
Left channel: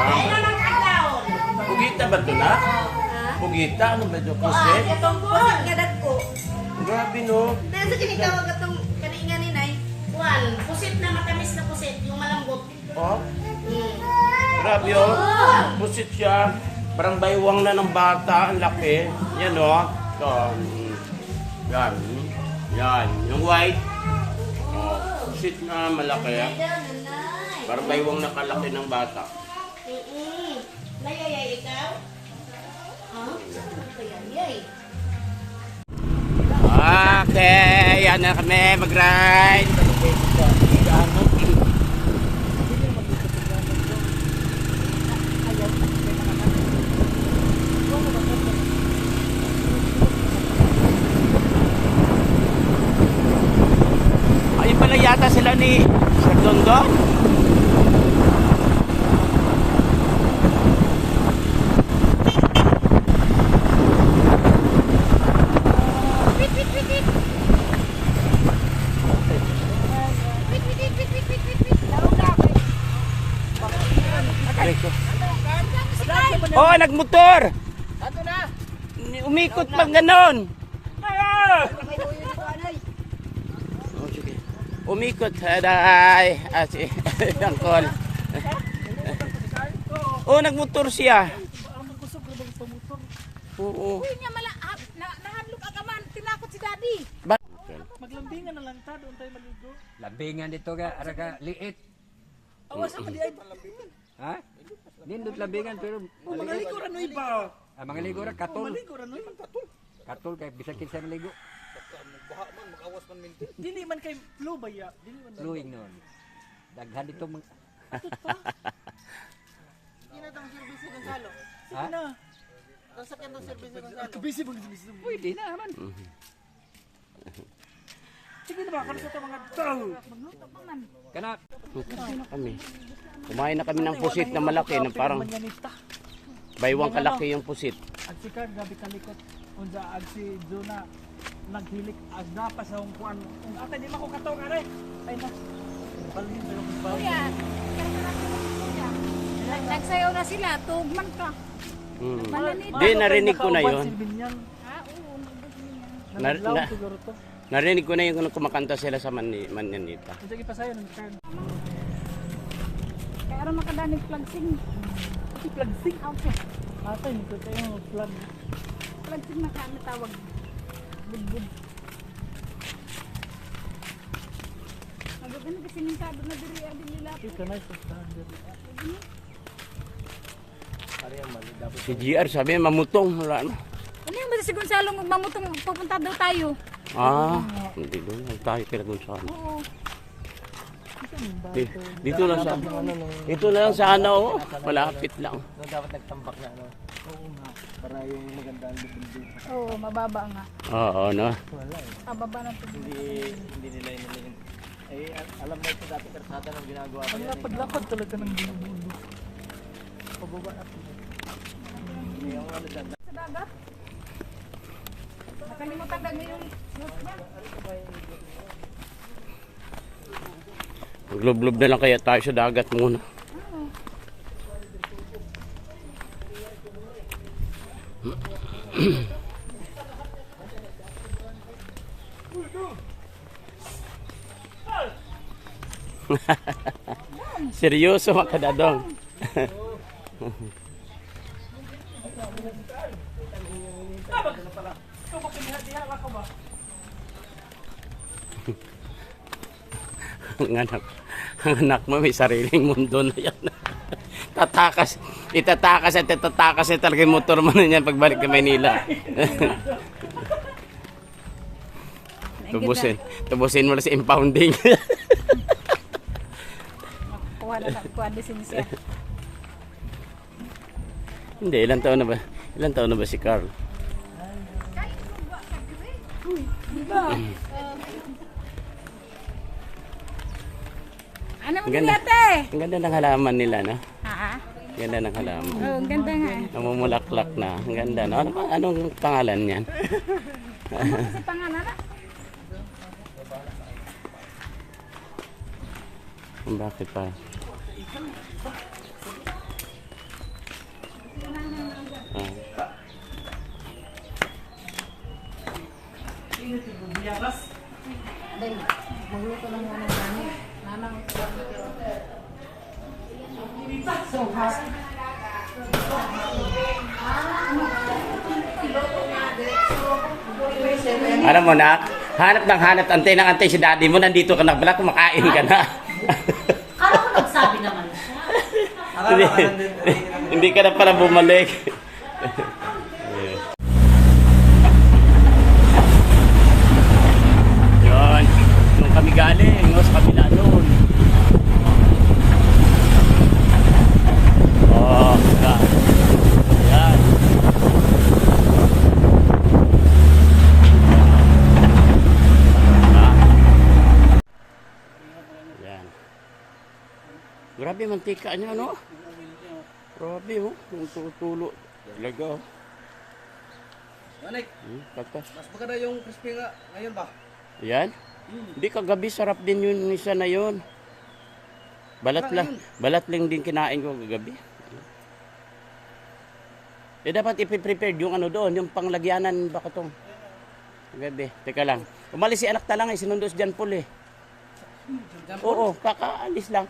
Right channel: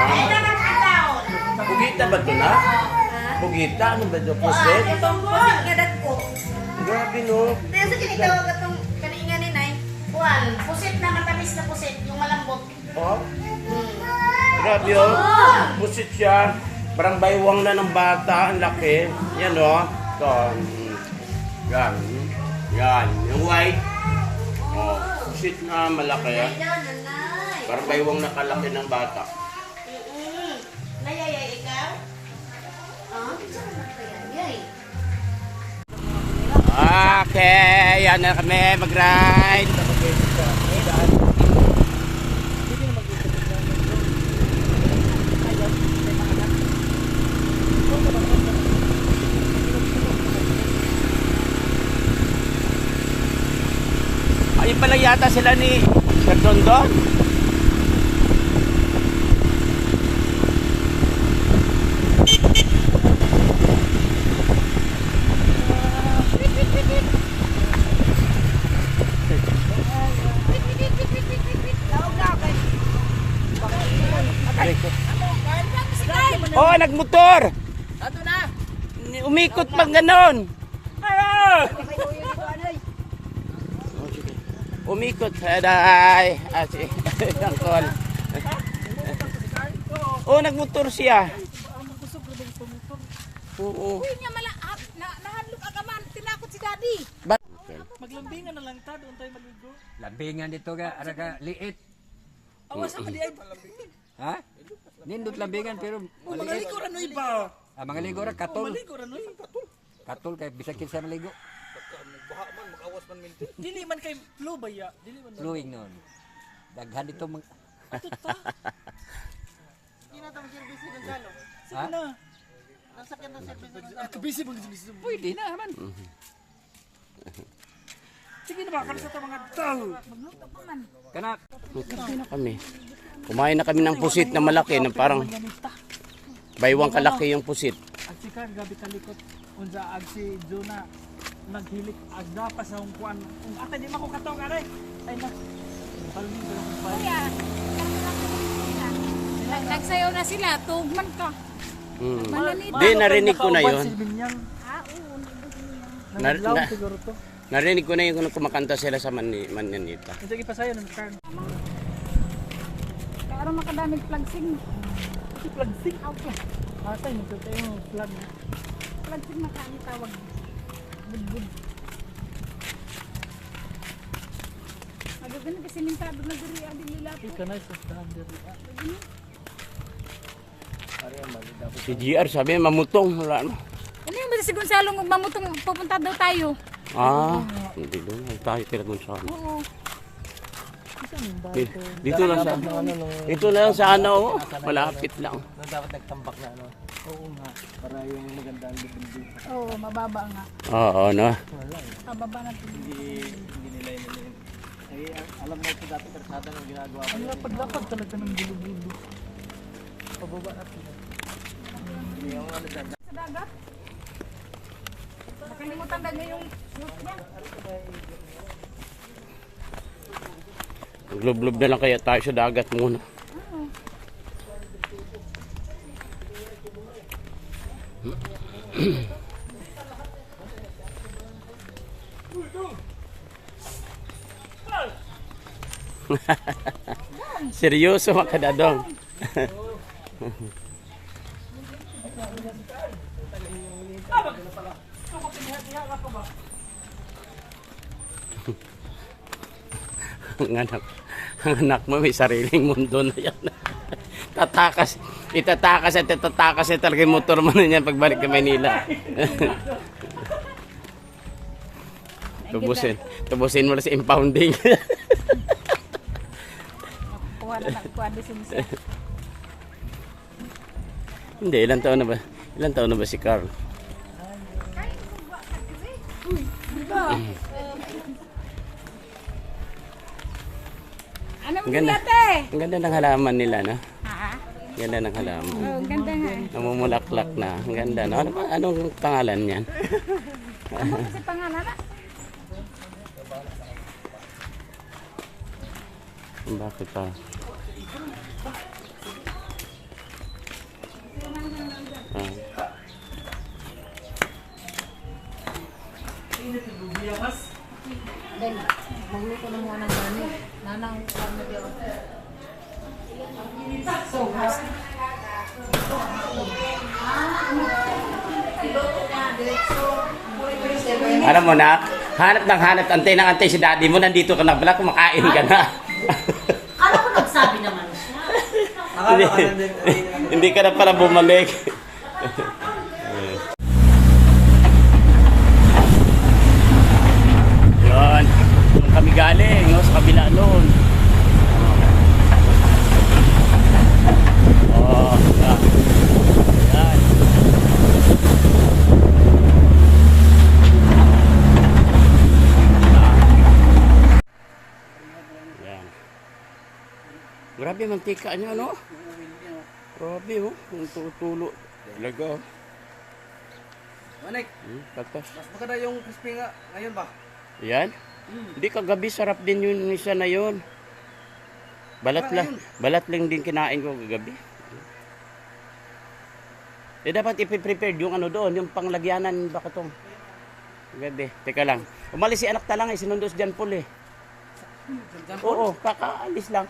Pugita ba ito na? Pugita? Ano ba ito? Pusit? Itong pusit nga dat ko. Grabe no. Pero sa kinikaw gatong kaninga ni Nay. Kuan, pusit na matamis na pusit, yung malambot. Oh. Grabe oh. Pusit siya. Parang baywang na ng bata. Ang laki. Yan oh. Ito. Yan. Yan. Yung white. Oh. Pusit na malaki. Ay, nanay. Parang baywang na kalaki ng bata. Nayayay ikaw? Ah? Nayayay. Okay. Yan na kami. Mag-ride. Naglalagay yata sila ni Sir Dondon. Wait, wait, wait, wait. Wait, wait, wait, wait, wait, wait, wait. Lawag na ako. Si Carl. Oh, nagmotor! Ato na! Umikot pang ganon! Umikot, aday! Si Angkol. Oh, nagmotor siya. Oo. Uy, nga mala. Nahanlok ka man. Tinakot si Daddy. Maglambingan na lang ta, doon tayo maligo. Labingan dito ka, ara ka liit. Awas ako di ay Ha? Nindot labingan pero maliit. maligo ra no iba. Mga ligo ra katol. Maligo ra no Katol kay bisag kinsa maligo. Dili man kay flu ba ya? Dili man. Flowing noon. Daghan dito mga Sige na. Nasakyan do service ng kabisi mo gisi. pwede na man. Sige na ba kan sa mga tao. Kana Kami. Kumain na kami ng pusit na malaki na parang baywang kalaki yung pusit. Ag si Kar gabi kalikot unsa ag si Jona naghilik ag pa sa hong kuan. Ate di man ko kataw kare. Ay na. Balmin pero kung ba. Kuya, karkarap ko rin kuya. Nagsayaw na sila. Tugman ka. Di, narinig ko na yun. Ah, oo. Narinig ko na yung kumakanta sila sa Manyanita. Sige pa sayo ng Kar. Kaya rin makadaming flagsing. Si flagsing. Ako. Atay mo to yung flag. Flagsing na kami tawag. Budbud. Nagagano kasi mintado na diri ang nila. Ika na sa standard. Si GR sabi mamutong. Wala na. Ano yung ba si Gonzalo mamutong pupunta daw tayo? Ah, hindi doon. Tayo kila Gonzalo. Oo. Dito lang sa dito lang sa ano, malapit lang. Dapat nagtambak na ano. Oo nga. Para yung maganda ang bubundong. Oo, mababa nga. Oo, no. Wala eh. Pababa na ito. Hindi nila yun. Eh, alam mo ito dati karsada ng ginagawa. Ano yung paglapag talaga ng bilog-bilog. Pababa na ito. Yung ano dyan. Sa dagat? Nakalimutan na niya yung note niya. Glub-glub na lang kaya tayo sa dagat muna. Seryoso makadadong. Ang anak mo may sariling mundo na yan. Itatakas na talaga yung motor mo na yan pagbalik ka Maynila. Tubusin mo na si impounding. Kuha na siya. Hindi, ilang taon na ba? Ilang taon na ba si Carl? Ano mo Ang ganda. ate? Ang ganda ng halaman nila, no? Ha? Ang ganda ng halaman. Oo, ang ganda nga. Namumulaklak na. Ang ganda, no? Anong pangalan niyan? Kasi pangalan na. Bakit pa? Ah. Dahil, magluto na muna ng gani. Nanang so, hot. Alam mo na, hanap ng hanap, antay ng antay si daddy mo, nandito ka na pala, kumakain ka na. Kala ko nagsabi naman. hindi, hindi ka na pala bumalik. Yun, nung kami galing, no, sa kabila doon. Oh, yan. mantika niya, no? Grabe, oh. Yung tutulo. Talaga, oh. Manik, Patas. mas maganda yung crispy nga ngayon ba? Yan. Hindi, kagabi sarap din yung isa na yun. Balat lang din kinain ko kagabi. Eh, dapat ipiprepare yung ano doon, yung panglagyanan ba itong kagabi. Teka lang. Umalis si anak talang, sinundo si John Paul, eh. Oo, kakaalis lang.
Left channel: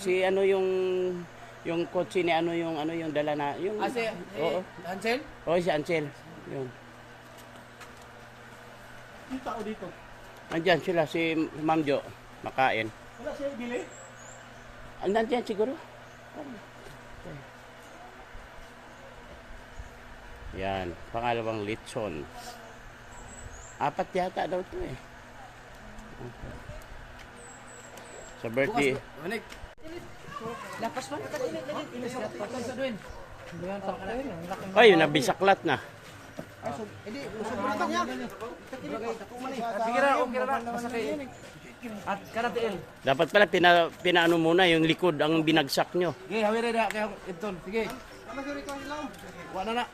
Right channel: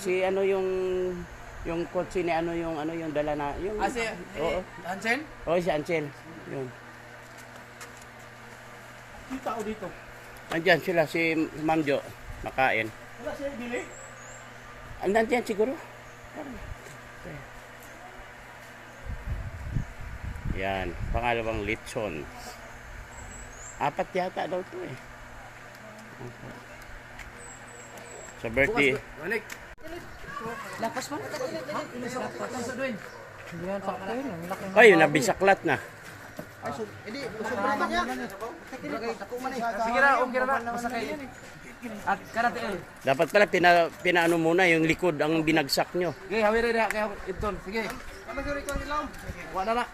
Si ano yung kotse ni ano yung dala na yung Si oo. Hansen? Oo, si Ansel. Yun. Yung tao dito. Andiyan sila si Ma'am Jo, makain. Wala siya dili. Nandiyan siguro. Yan, pangalawang lechon. 4 yata daw to eh. Sa birthday. Manik. Patay sa duwin. Ay, nabisaklat na. Sige ra, okay ra. Masakay. At karate. Dapat pala pinaano muna yung likod ang binagsak nyo. Sige, hawira na kaya Ibton. Sige. Wala na.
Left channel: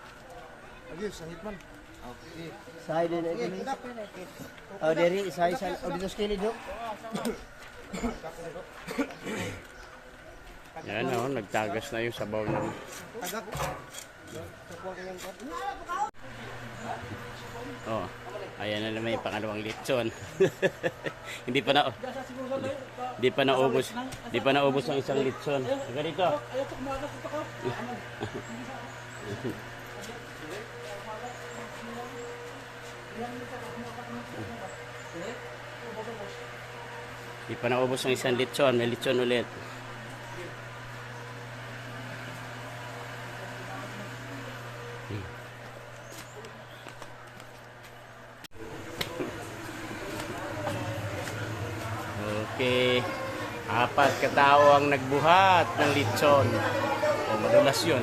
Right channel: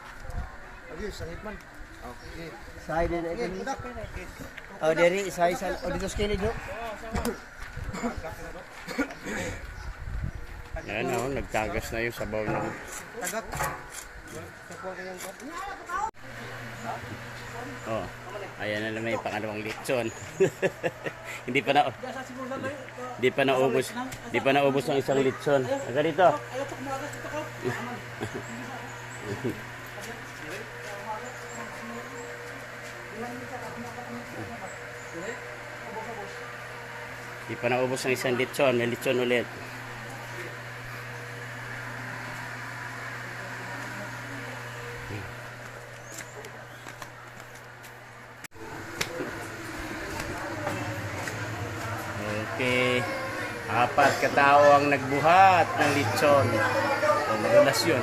Side na ito. Oh, dari isa dito skinny do. Yan o, nagtagas na yung sabaw ng... Oh, ayan na naman yung pangalawang lechon. Hindi pa naubos ang isang lechon. Aga dito. Hindi pa naubos ang isang lechon. May lechon ulit. Okay. 4 katao ang nagbuhat ng lechon. O, madulas yun.